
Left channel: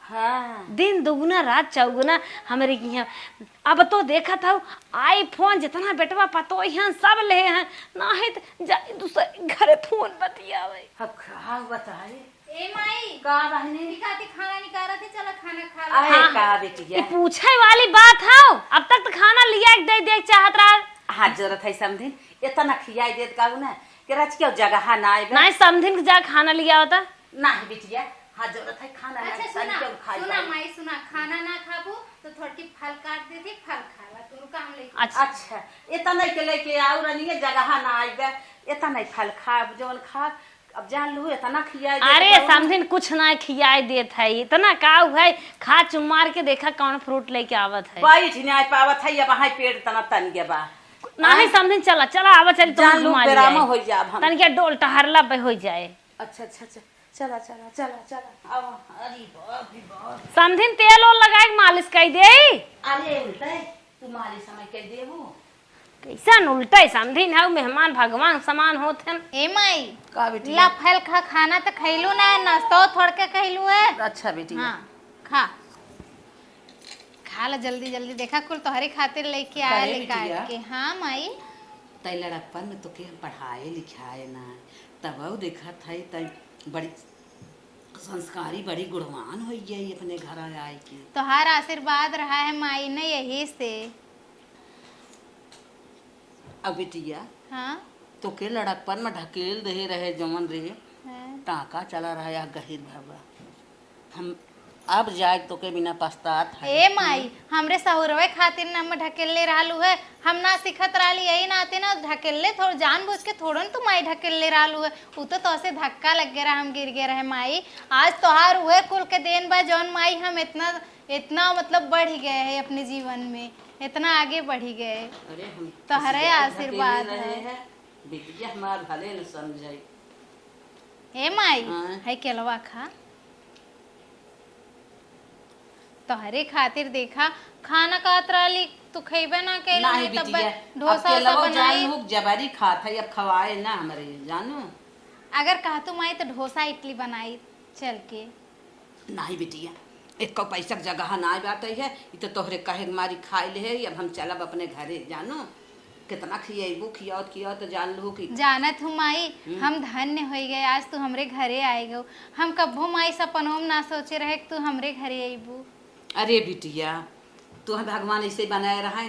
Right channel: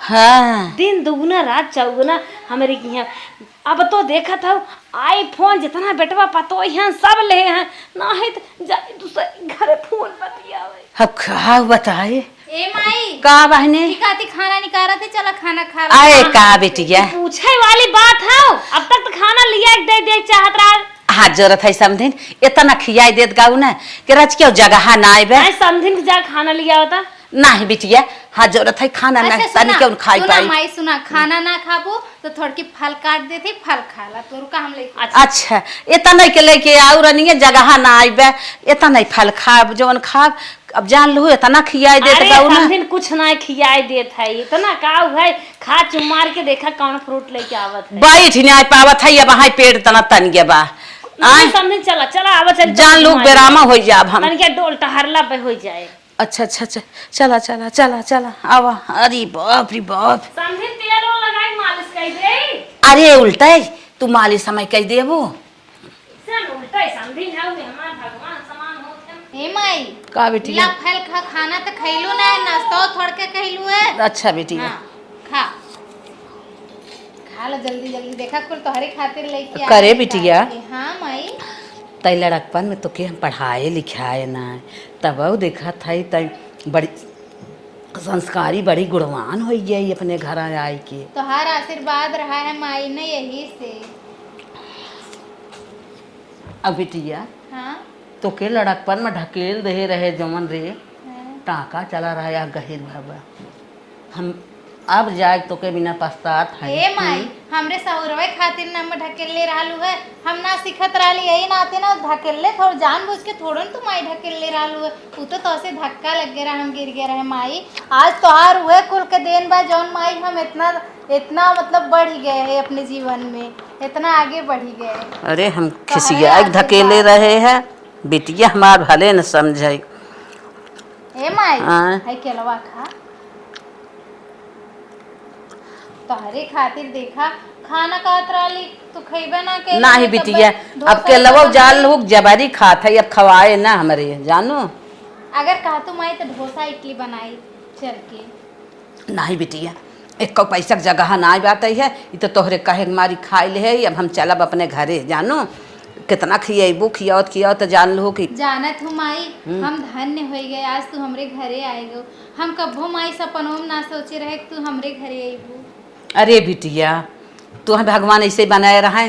हाँ दिन दुगुना रात चौगुना हमारे यहाँ। अब तो देखा था आईफोन जितना बेटवा पतो यहाँ सब ले हैं ना है तो जाके दूसरे घर फोन बतियावे। अब क्या बताए ए माई का बहने खाती खाना निकाला थे, चला खाना खा आए का बेटिया पूछे वाली बात है, अब तक तो खाना लिया दे चाहत रहा। हाँ जरूरत है समधिन इतना खियाई देत गाऊ ना कि रच क्यों जगह ना आए समझिन जा खाना लिया होता नहीं बिटिया। हाँ जरूरत है खाना ना तनी क्यों खाई पाई। माई सुना खाना ना खाबो तो थोड़ी फल काट देते फल खाला तोर का हम ले। अच्छा इतना के लेके आऊ रनिए जगह ना आइबे इतना नहीं फल खाब जवन खाब अब जान लो इतना खियाई देत गाऊ ना कुछ ना खियाई देत है इतना काऊ है खा चुमार के देखा कौन फ्रूट लेके आवत है। बैठ नहीं आ पावत है अब हाई पेट तना तन गया बा समझिन चला आवा चल जान लोग बेरामा हो जाब हम तन क्या डोल टहरला पे हो जाए। अच्छा चला आवा। अरे बाप रे बाप समझिन तेल और लगाए मालिश कर दे। अरे उल्टा तू मालिश समय कह देबो सन उल्टा समझिन है मेहमान भगवान समान होत हैं। ए माई का बेटी ला फल खा खाना तो खैलू ना नाश्ता थोड़ के कहलू है। अच्छा बेटी खा ला जल्दी देखा कुल तोहरे खातिर लेके करे बिटिया। हाँ माई तई लड़कपन में तो के हम पढ़ाए लिखाए ना तब देखा था तई बड़ी संस्कारी बड़ी गुणवान हो गई अपने घर आए के। तोहार आशीर्वाद रहा है माई ने यही से। अब बिटिया हाँ तो के लड़कपन में ढकेल दे रहे जमन रे टाका चला रहा गहिर बाबा हम अब जाए तो के बिना पछतात है। ए माई हमरे सहुरवे खातिर न हम ढकेले रहलू है। हम ना सिखत रहली यही नाते ना ढकेले थोड़ जानबूझ के थोड़न तू माई ढकेले रहलू है। उ तो तोसे धक्का लग गया हम गिर गए रहे माई। आज तोहार हुए कुल के देन बा जौन माई हम इतना मतलब बढ़ ही गए हैं अपने जीवन में, इतना आगे बढ़ ही गए। अरे हम खिसिया धकेले रहे हैं, बिटिया हमार भले न समझे। ए माई हाँ। है केलवा खा तोहरे खातिर देखा खाना खात रहली तू खइबे ना के नहीं बिटिया, अब के लवो जाल लोग जबरी खात है, अब खवाए ना हमरे जानो। अगर कहा तू माई तो डोसा इडली बनाई चल के। नहीं बिटिया, एक को पैसा के जगह ना बात है, ये तो तोहरे कहे मारी खाए ले है। अब हम चलब अपने घरे जानो, कितना खिएबू खियावत खियावत तो जान लो कि जानत हूँ माई हम धन्य हो गए आज तू हमरे घरे आएगो। हम कब्बो माई सपनों में ना सोचे रहे कि तू हमरे घरे आईबू। अरे बिटिया, तू हम भगवान ऐसे बनाए रहे,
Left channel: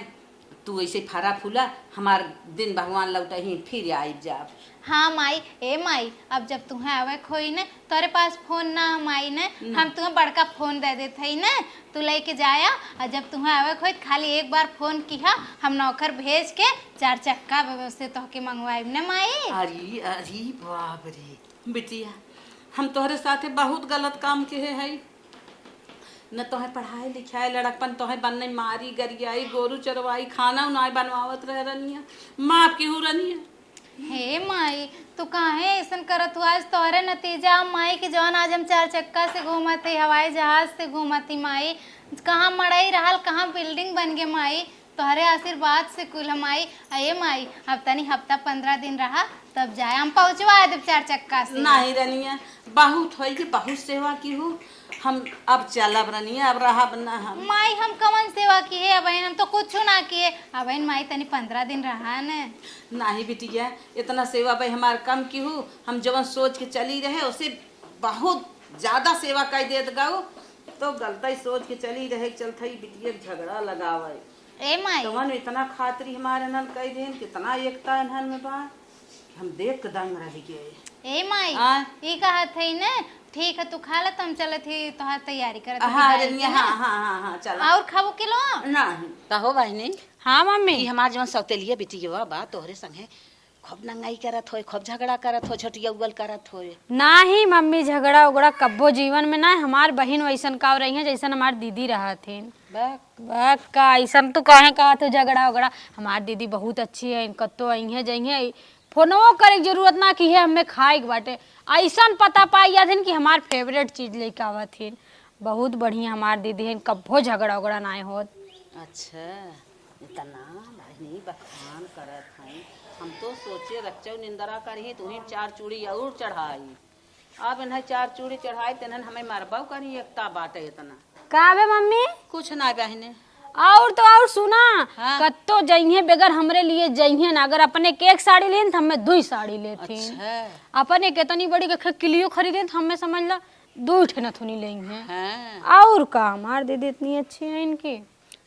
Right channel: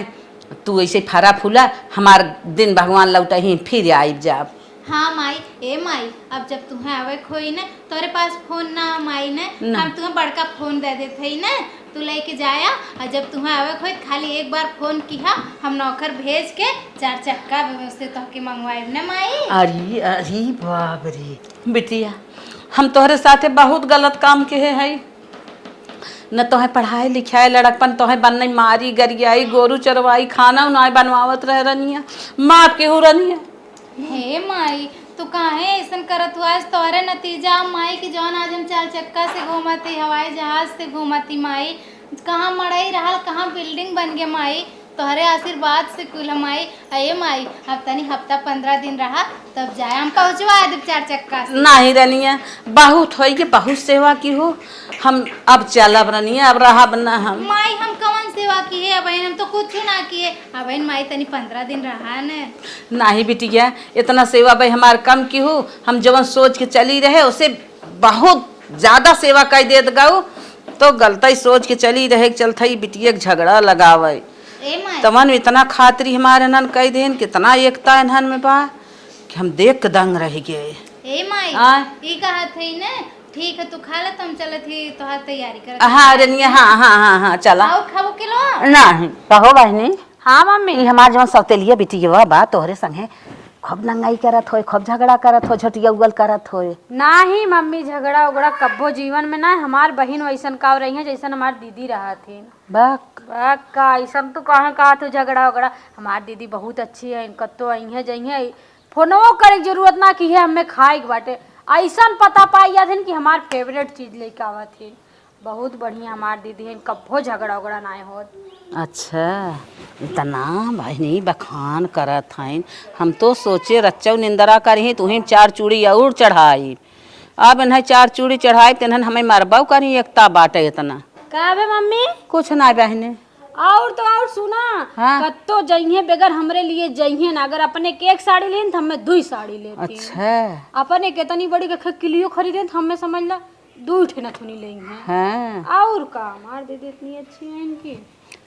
तू ऐसे फरा फूला, हमार दिन भगवान लौटा ही फिर आइब जाब। हाँ माई। ए माई अब जब तुम्हें आवे खोई ने तोरे पास फोन ना माई ने हम तुम्हें बड़का फोन दे देते ही ने तू लेके जाया। और जब तुम्हें आवे खोई खाली एक बार फोन किया हम नौकर भेज के 4 चक्का व्यवस्थित होके मंगवाए ने माई। अरे अरे बाप रे बिटिया, हम तोहरे साथे बहुत गलत काम के है। न तोहे पढ़ाई लिखाई लड़कपन तोहे बनने मारी गरियाई गोरू चरवाई खाना उनाई बनवावत रह रनिया, माँ केहू रनिया। हे माई तू काहे ऐसन करत हुआ? आज तोहरे नतीजा माई के जौन आज हम 4 चक्का से घूमती हवाई जहाज से घूमती माई। कहाँ मड़ाई रहल कहाँ बिल्डिंग बन गए माई, तोहरे आशीर्वाद से कुल माई। अये माई अब तनी हफ्ता 15 दिन रहा तब जाए हम पहुँचवा दे 4 चक्का से। नहीं रनिया, बहुत हो के बहुत सेवा की हो, हम अब चलब रनिया, अब रहा बना हम। माई हम कौन सेवा की है? अब हम तो कुछ ना किए। अब माई तनी 15 दिन रहा ने। नहीं बिटिया, इतना सेवा भाई हमार कम की हो, हम जवन सोच के चली रहे उसे बहुत ज्यादा सेवा कर देत गाऊ, तो गलती सोच के चली रहे चलता ही बिटिया के झगड़ा लगावे। तमन इतना खातरी हमारे नन कह देन, कितना एकता इन्हन में बा कि हम देख के दंग रह गए। ए माई ई कहत है ने ठीक है तू खा ले, तुम चलत ही तोहर तैयारी कर। हाँ रनिया, हाँ हाँ हाँ हाँ चला। और खाबो किलो नहीं कहो बहनी। हाँ मम्मी, ई हमार जवन सौतेलिया बिटिया बा तोहरे संगे खूब नंगाई करत होए, खूब झगड़ा करत हो, झटिया उगल करत होए। नाही मम्मी झगड़ा उगड़ा कब्बो जीवन में ना। हमार बहन वैसन का रही है जैसन हमार दीदी रहा थे। का ऐसन तो कहे कहा थे झगड़ा उगड़ा। हमार दीदी बहुत अच्छी है, कत्तो आई है जई है फोनो करे की जरूरत ना की है हमें खाए के बाटे। ऐसा पता पाई थे कि हमार फेवरेट चीज लेके आवा थे। बहुत बढ़िया हमार दीदी है, कब्बो झगड़ा उगड़ा ना हो। अच्छा इतना बहनी बखान करत हैं, हम तो सोचे रच्चौ निंदरा करी तुही 4 चूड़ी और चढ़ाई। अब इन्हें 4 चूड़ी चढ़ाई तो हमें मरबाऊ करी एकता बाटे इतना। का बे मम्मी? कुछ ना बहने। और तो और सुना, हाँ? कत्तो जइहे बेगर हमरे लिए जइहे ना। अगर अपने के 1 साड़ी लेन तो हमें 2 साड़ी लेते। अच्छा अपने कितनी बड़ी के किलियो खरीदे तो हमें समझ ला 2 ठे नथुनी लेंगे। हाँ। और का हमार दीदी इतनी अच्छी है इनकी।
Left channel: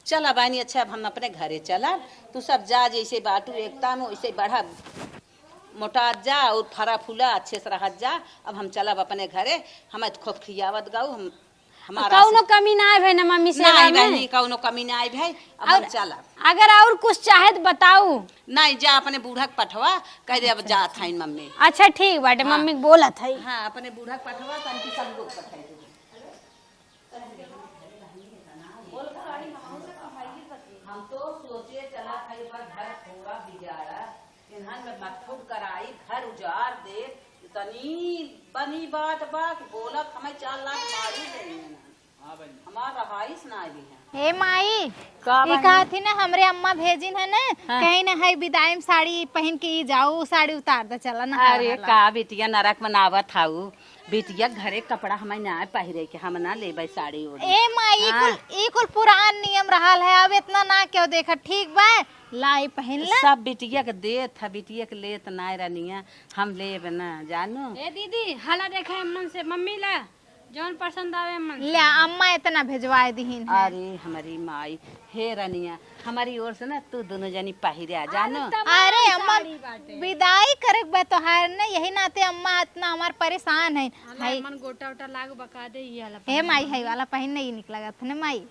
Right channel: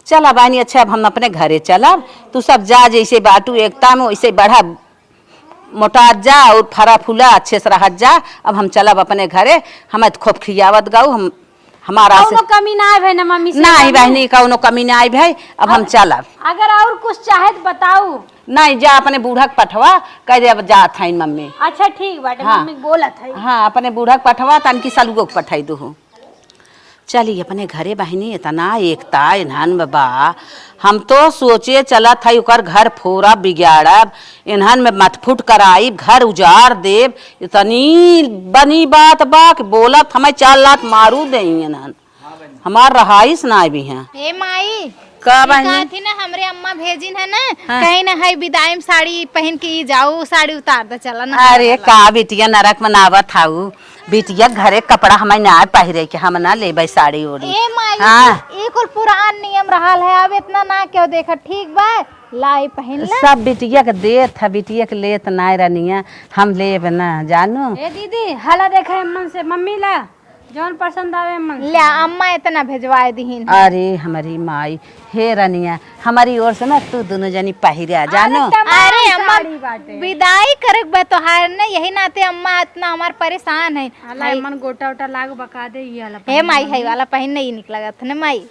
चला बहनी, अच्छा अब हम अपने घरे चलब, तू सब जा जैसे बाटू एकता में वैसे बढ़ा मोटा जा और फरा फूला अच्छे से रह जा। अब हम चलब अपने घरे, हमें तो खूब खियावत गाऊ हम हमारा कौनो कमी ना है ना मम्मी से? नहीं बहनी कौनो कमी ना आई भाई, अब हम चलब। अगर और कुछ चाहे तो बताऊ। नहीं जा अपने बूढ़ा के पठवा कह दे अब जात है मम्मी। अच्छा ठीक बाटे। हाँ। मम्मी बोलत है। हाँ अपने बूढ़ा के पठवा तन की सलुगो के पठाई दू। चली अपने घरे बहनी, इतना एकता इन्हन में बा, हम तो सोचे चलत है उकर घर फोरा बिगाड़ब, इन्हन में मतफुट कराई, घर उजाड़ देव। इतनी बनी बात बा कि बोलत हमें 4 लात मारू दे इन्हन, हमार रहाइश ना भी है। ए माई का बहनी थी ना हमरे अम्मा भेजिन है ना। हाँ। कहीं ना है विदाई में साड़ी पहन के जाओ, साड़ी उतार दे चला ना। अरे का बिटिया नरक मनावत हाउ, बिटिया घरे कपड़ा हमें ना पहिरे के हम ना लेबै साड़ी ओड़ी। ए माई हाँ। ई कुल पुरान नियम रहल है, अब इतना ना क्यों देखा। ठीक बा लाई पहन ले। सब बिटिया के देत है, बिटिया के लेत ना रनिया, हम लेब ना जानू। ए दीदी हाला देखा अम्मन से, मम्मी ला जौन पसंद आवे अम्मन ले अम्मा इतना भेजवाए दीहिन। अरे हमारी माई हे रनिया, हमारी ओर से ना तू दोनों जनी पहिरा जानू। अरे अम्मा विदाई करक बा तोहार ने, यही नाते अम्मा इतना हमार परेशान है। हाला अम्मन गोटा ओटा लाग बका दे ये वाला। हे माई है वाला पहन नहीं निकला था ना माई।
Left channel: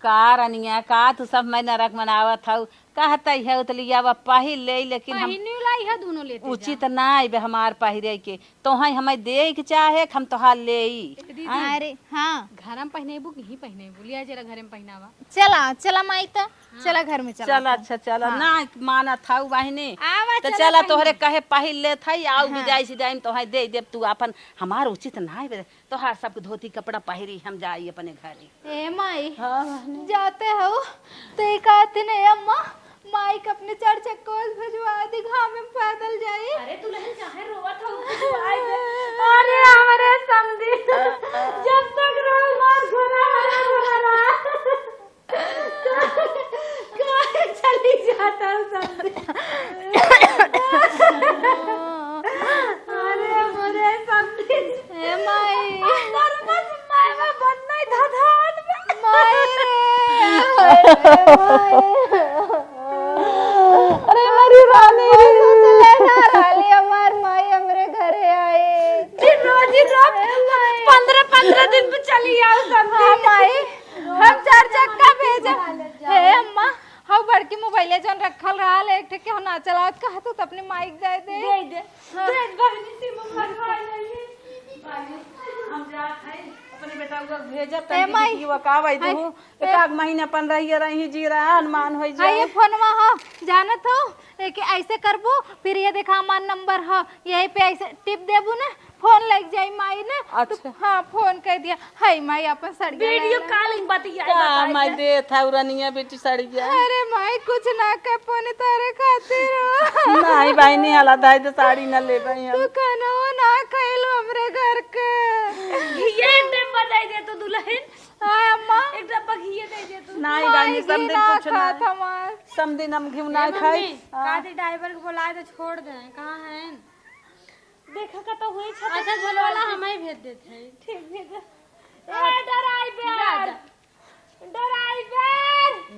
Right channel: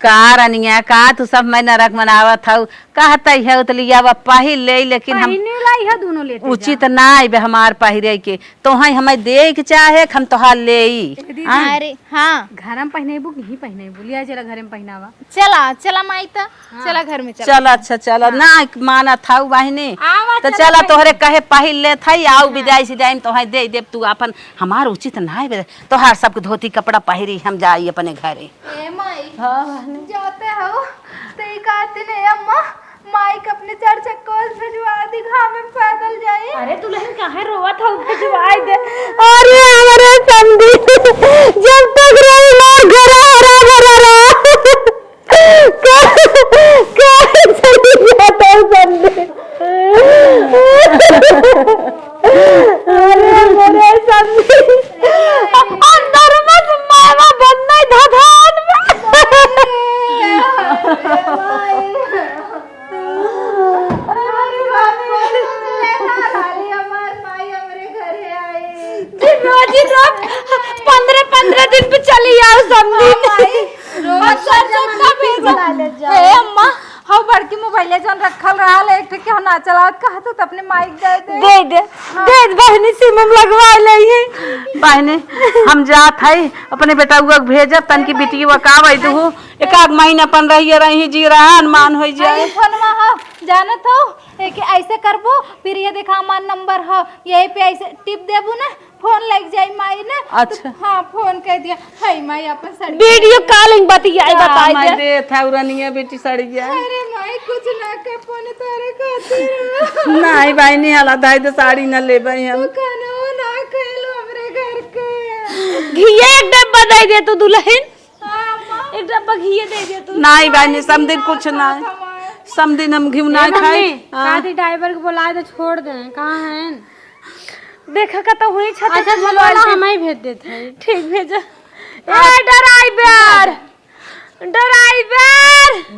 का रनिया का तू सब मैं नरक मनावत हूँ कहता है तो लिया वा पहिर ले लेकिन हम पहिने लाई है दोनों लेते उचित ना बे हमार पहिरे के तो हमें दे के चाहे हम तोहार ले अरे हाँ घर में पहनेबू कि ही पहनेबू लिया जरा घर में पहनावा चला चला माई ता चला घर में चला चल अच्छा चल ना माना था बहने आवा तो चला तोहरे कहे पहिर ले था आओ विदाई सिदाई तोहर दे देव तू अपन हमार उचित ना बे तोहार सबके धोती कपड़ा पहिरी हम जाई अपने घरे ए माई जाते हो तो एक आते नहीं अम्मा माइक अपने चार चक्कर से जो आदि घाम में पैदल जाए। अरे तू लहन काहे रोवत हो भिजवाई दे। अरे हमारे समधी जब तक रही लोग घर हरा भरा चली जाता हूँ समधी। अरे मेरे समधी अंदर मत मावा बनना धधान पंद्रह दिन पे चली आओ समझी अम्मा हाँ बड़की मोबाइल जोन रखल रहा एक ठे के ना चलावत कहा तो अपने माइक दे बहनी सिमम लगवा ले बहनी हम जात है अपने बेटा को भेजब तन की बेटी वो का वही दू एक आध महीना अपन रही जी रहा मान हो जाए फोनवा हो जानत हो कि ऐसे करबो फिर ये देखा हमार नंबर हो यही पे ऐसे टिप देबू ना फोन लग जाई माई ना। अच्छा हाँ फोन कह दिया है माई अपन साड़ी वीडियो कॉलिंग बताई दे था उरनिया बेटी सड़िया अरे माई कुछ ना कर फोन तारे खातिर नहीं बहनी हला दाई तो साड़ी न ले भाई हम खाना ना खइलो हमरे घर के घी एक डब्बा दे दे तू दुल्हन हां अम्मा एक डब्बा घी दे दे तू नहीं बहनी समदिन कुछ ना समदिन हम घी ना खाए कादी ड्राइवर को बुला दे छोड़ दे कहां है देखा का तो हुई छत अच्छा चलो हमें भेज देते हैं ठीक भेजा ए ड्राइवर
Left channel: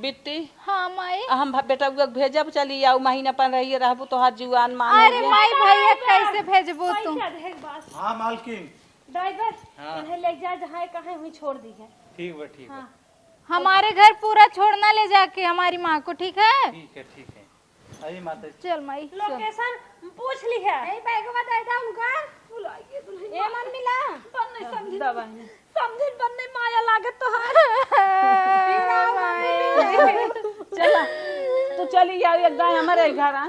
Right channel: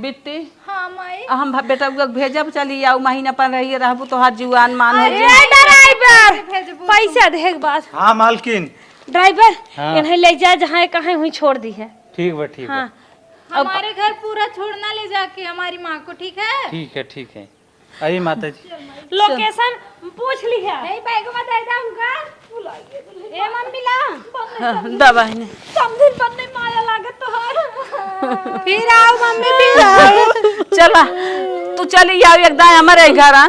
बिट्टी हां माई हम बेटा को भेजब चली आओ महीना पर रही रहबू तो हर जीवान मान हो ए ड्राइवर पैसा दे एक बात हाँ मालकिन ड्राइवर इन्हें ले जा जहां कहीं हुई छोड़ दी है ठीक है ठीक है हमारे घर पूरा छोड़ना ले जाके हमारी माँ को ठीक है ठीक है अरे माता जी लोकेशन पूछ ली है नहीं बैग में दे दे उनका ए मम्मी ला दवा है समझ बनने माया लागत तो है फिर आओ मम्मी फिर आओ चला तू चली आओ एकदम हमारे घर आ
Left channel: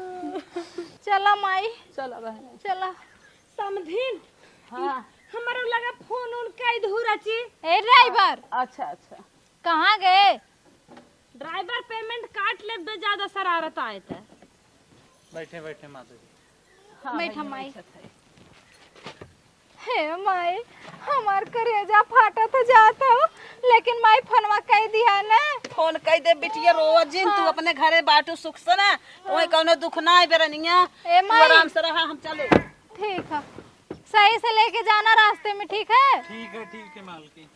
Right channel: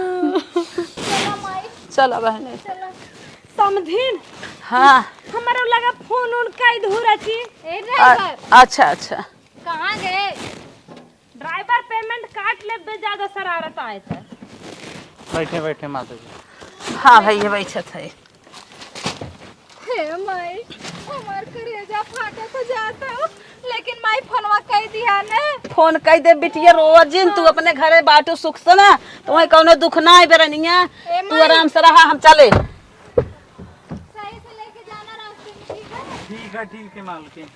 चला माई चला बहने चला समझिन हाँ हमारा लगा फोन उनका इधर अच्छी ए ड्राइवर अच्छा अच्छा कहाँ गए ड्राइवर पेमेंट काट ले दे ज्यादा शरारत आए थे बैठे बैठे माता जी हाँ भैया बैठत है हे माई हमार करेजा फाटा तो जाता हूँ लेकिन माई फोनवा कह दिया ना फोन कह दे बिटिया रोजिन तू अपने घरे बाटू सुख से ना तो वही कौनो दुख ना है बेरनिया तू आराम से रहा हम चले ठीक है सही से लेके जाना रास्ते में ठीक है मालकिन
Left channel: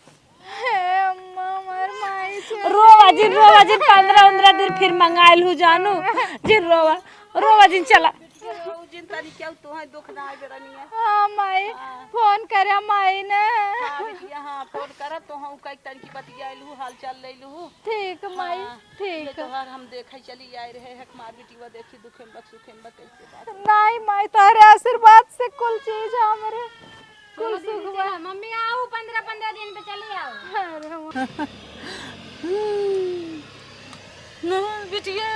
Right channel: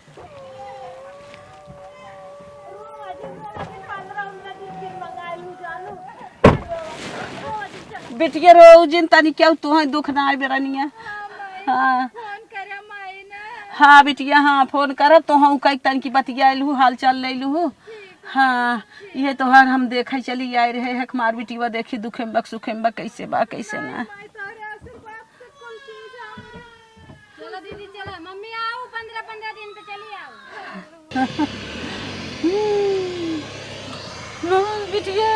हे अम्मा हमार माई से रोवा जी 15 दिन फिर मंगाइल हूँ जानू फिर रोवा जी चला बिटिया रोजिन तनी क्यों तू दुख ना है बेरनिया हाँ माई हाँ। फोन करे माई ने हाँ बिटिया हाँ फोन करब तो हम कई तन की बतियाल हूँ हाल चाल ले लू ठीक है हाँ ये तोहार हम देखे चली आए रहे है हमार बिटिया देखी दुखेम बक सुखेम बक कैसे बा कैसे माई ना माई तारे आशीर्वाद से कुल चीज हमरे मम्मी आओ 15 दिन पे चली आओ बिटिया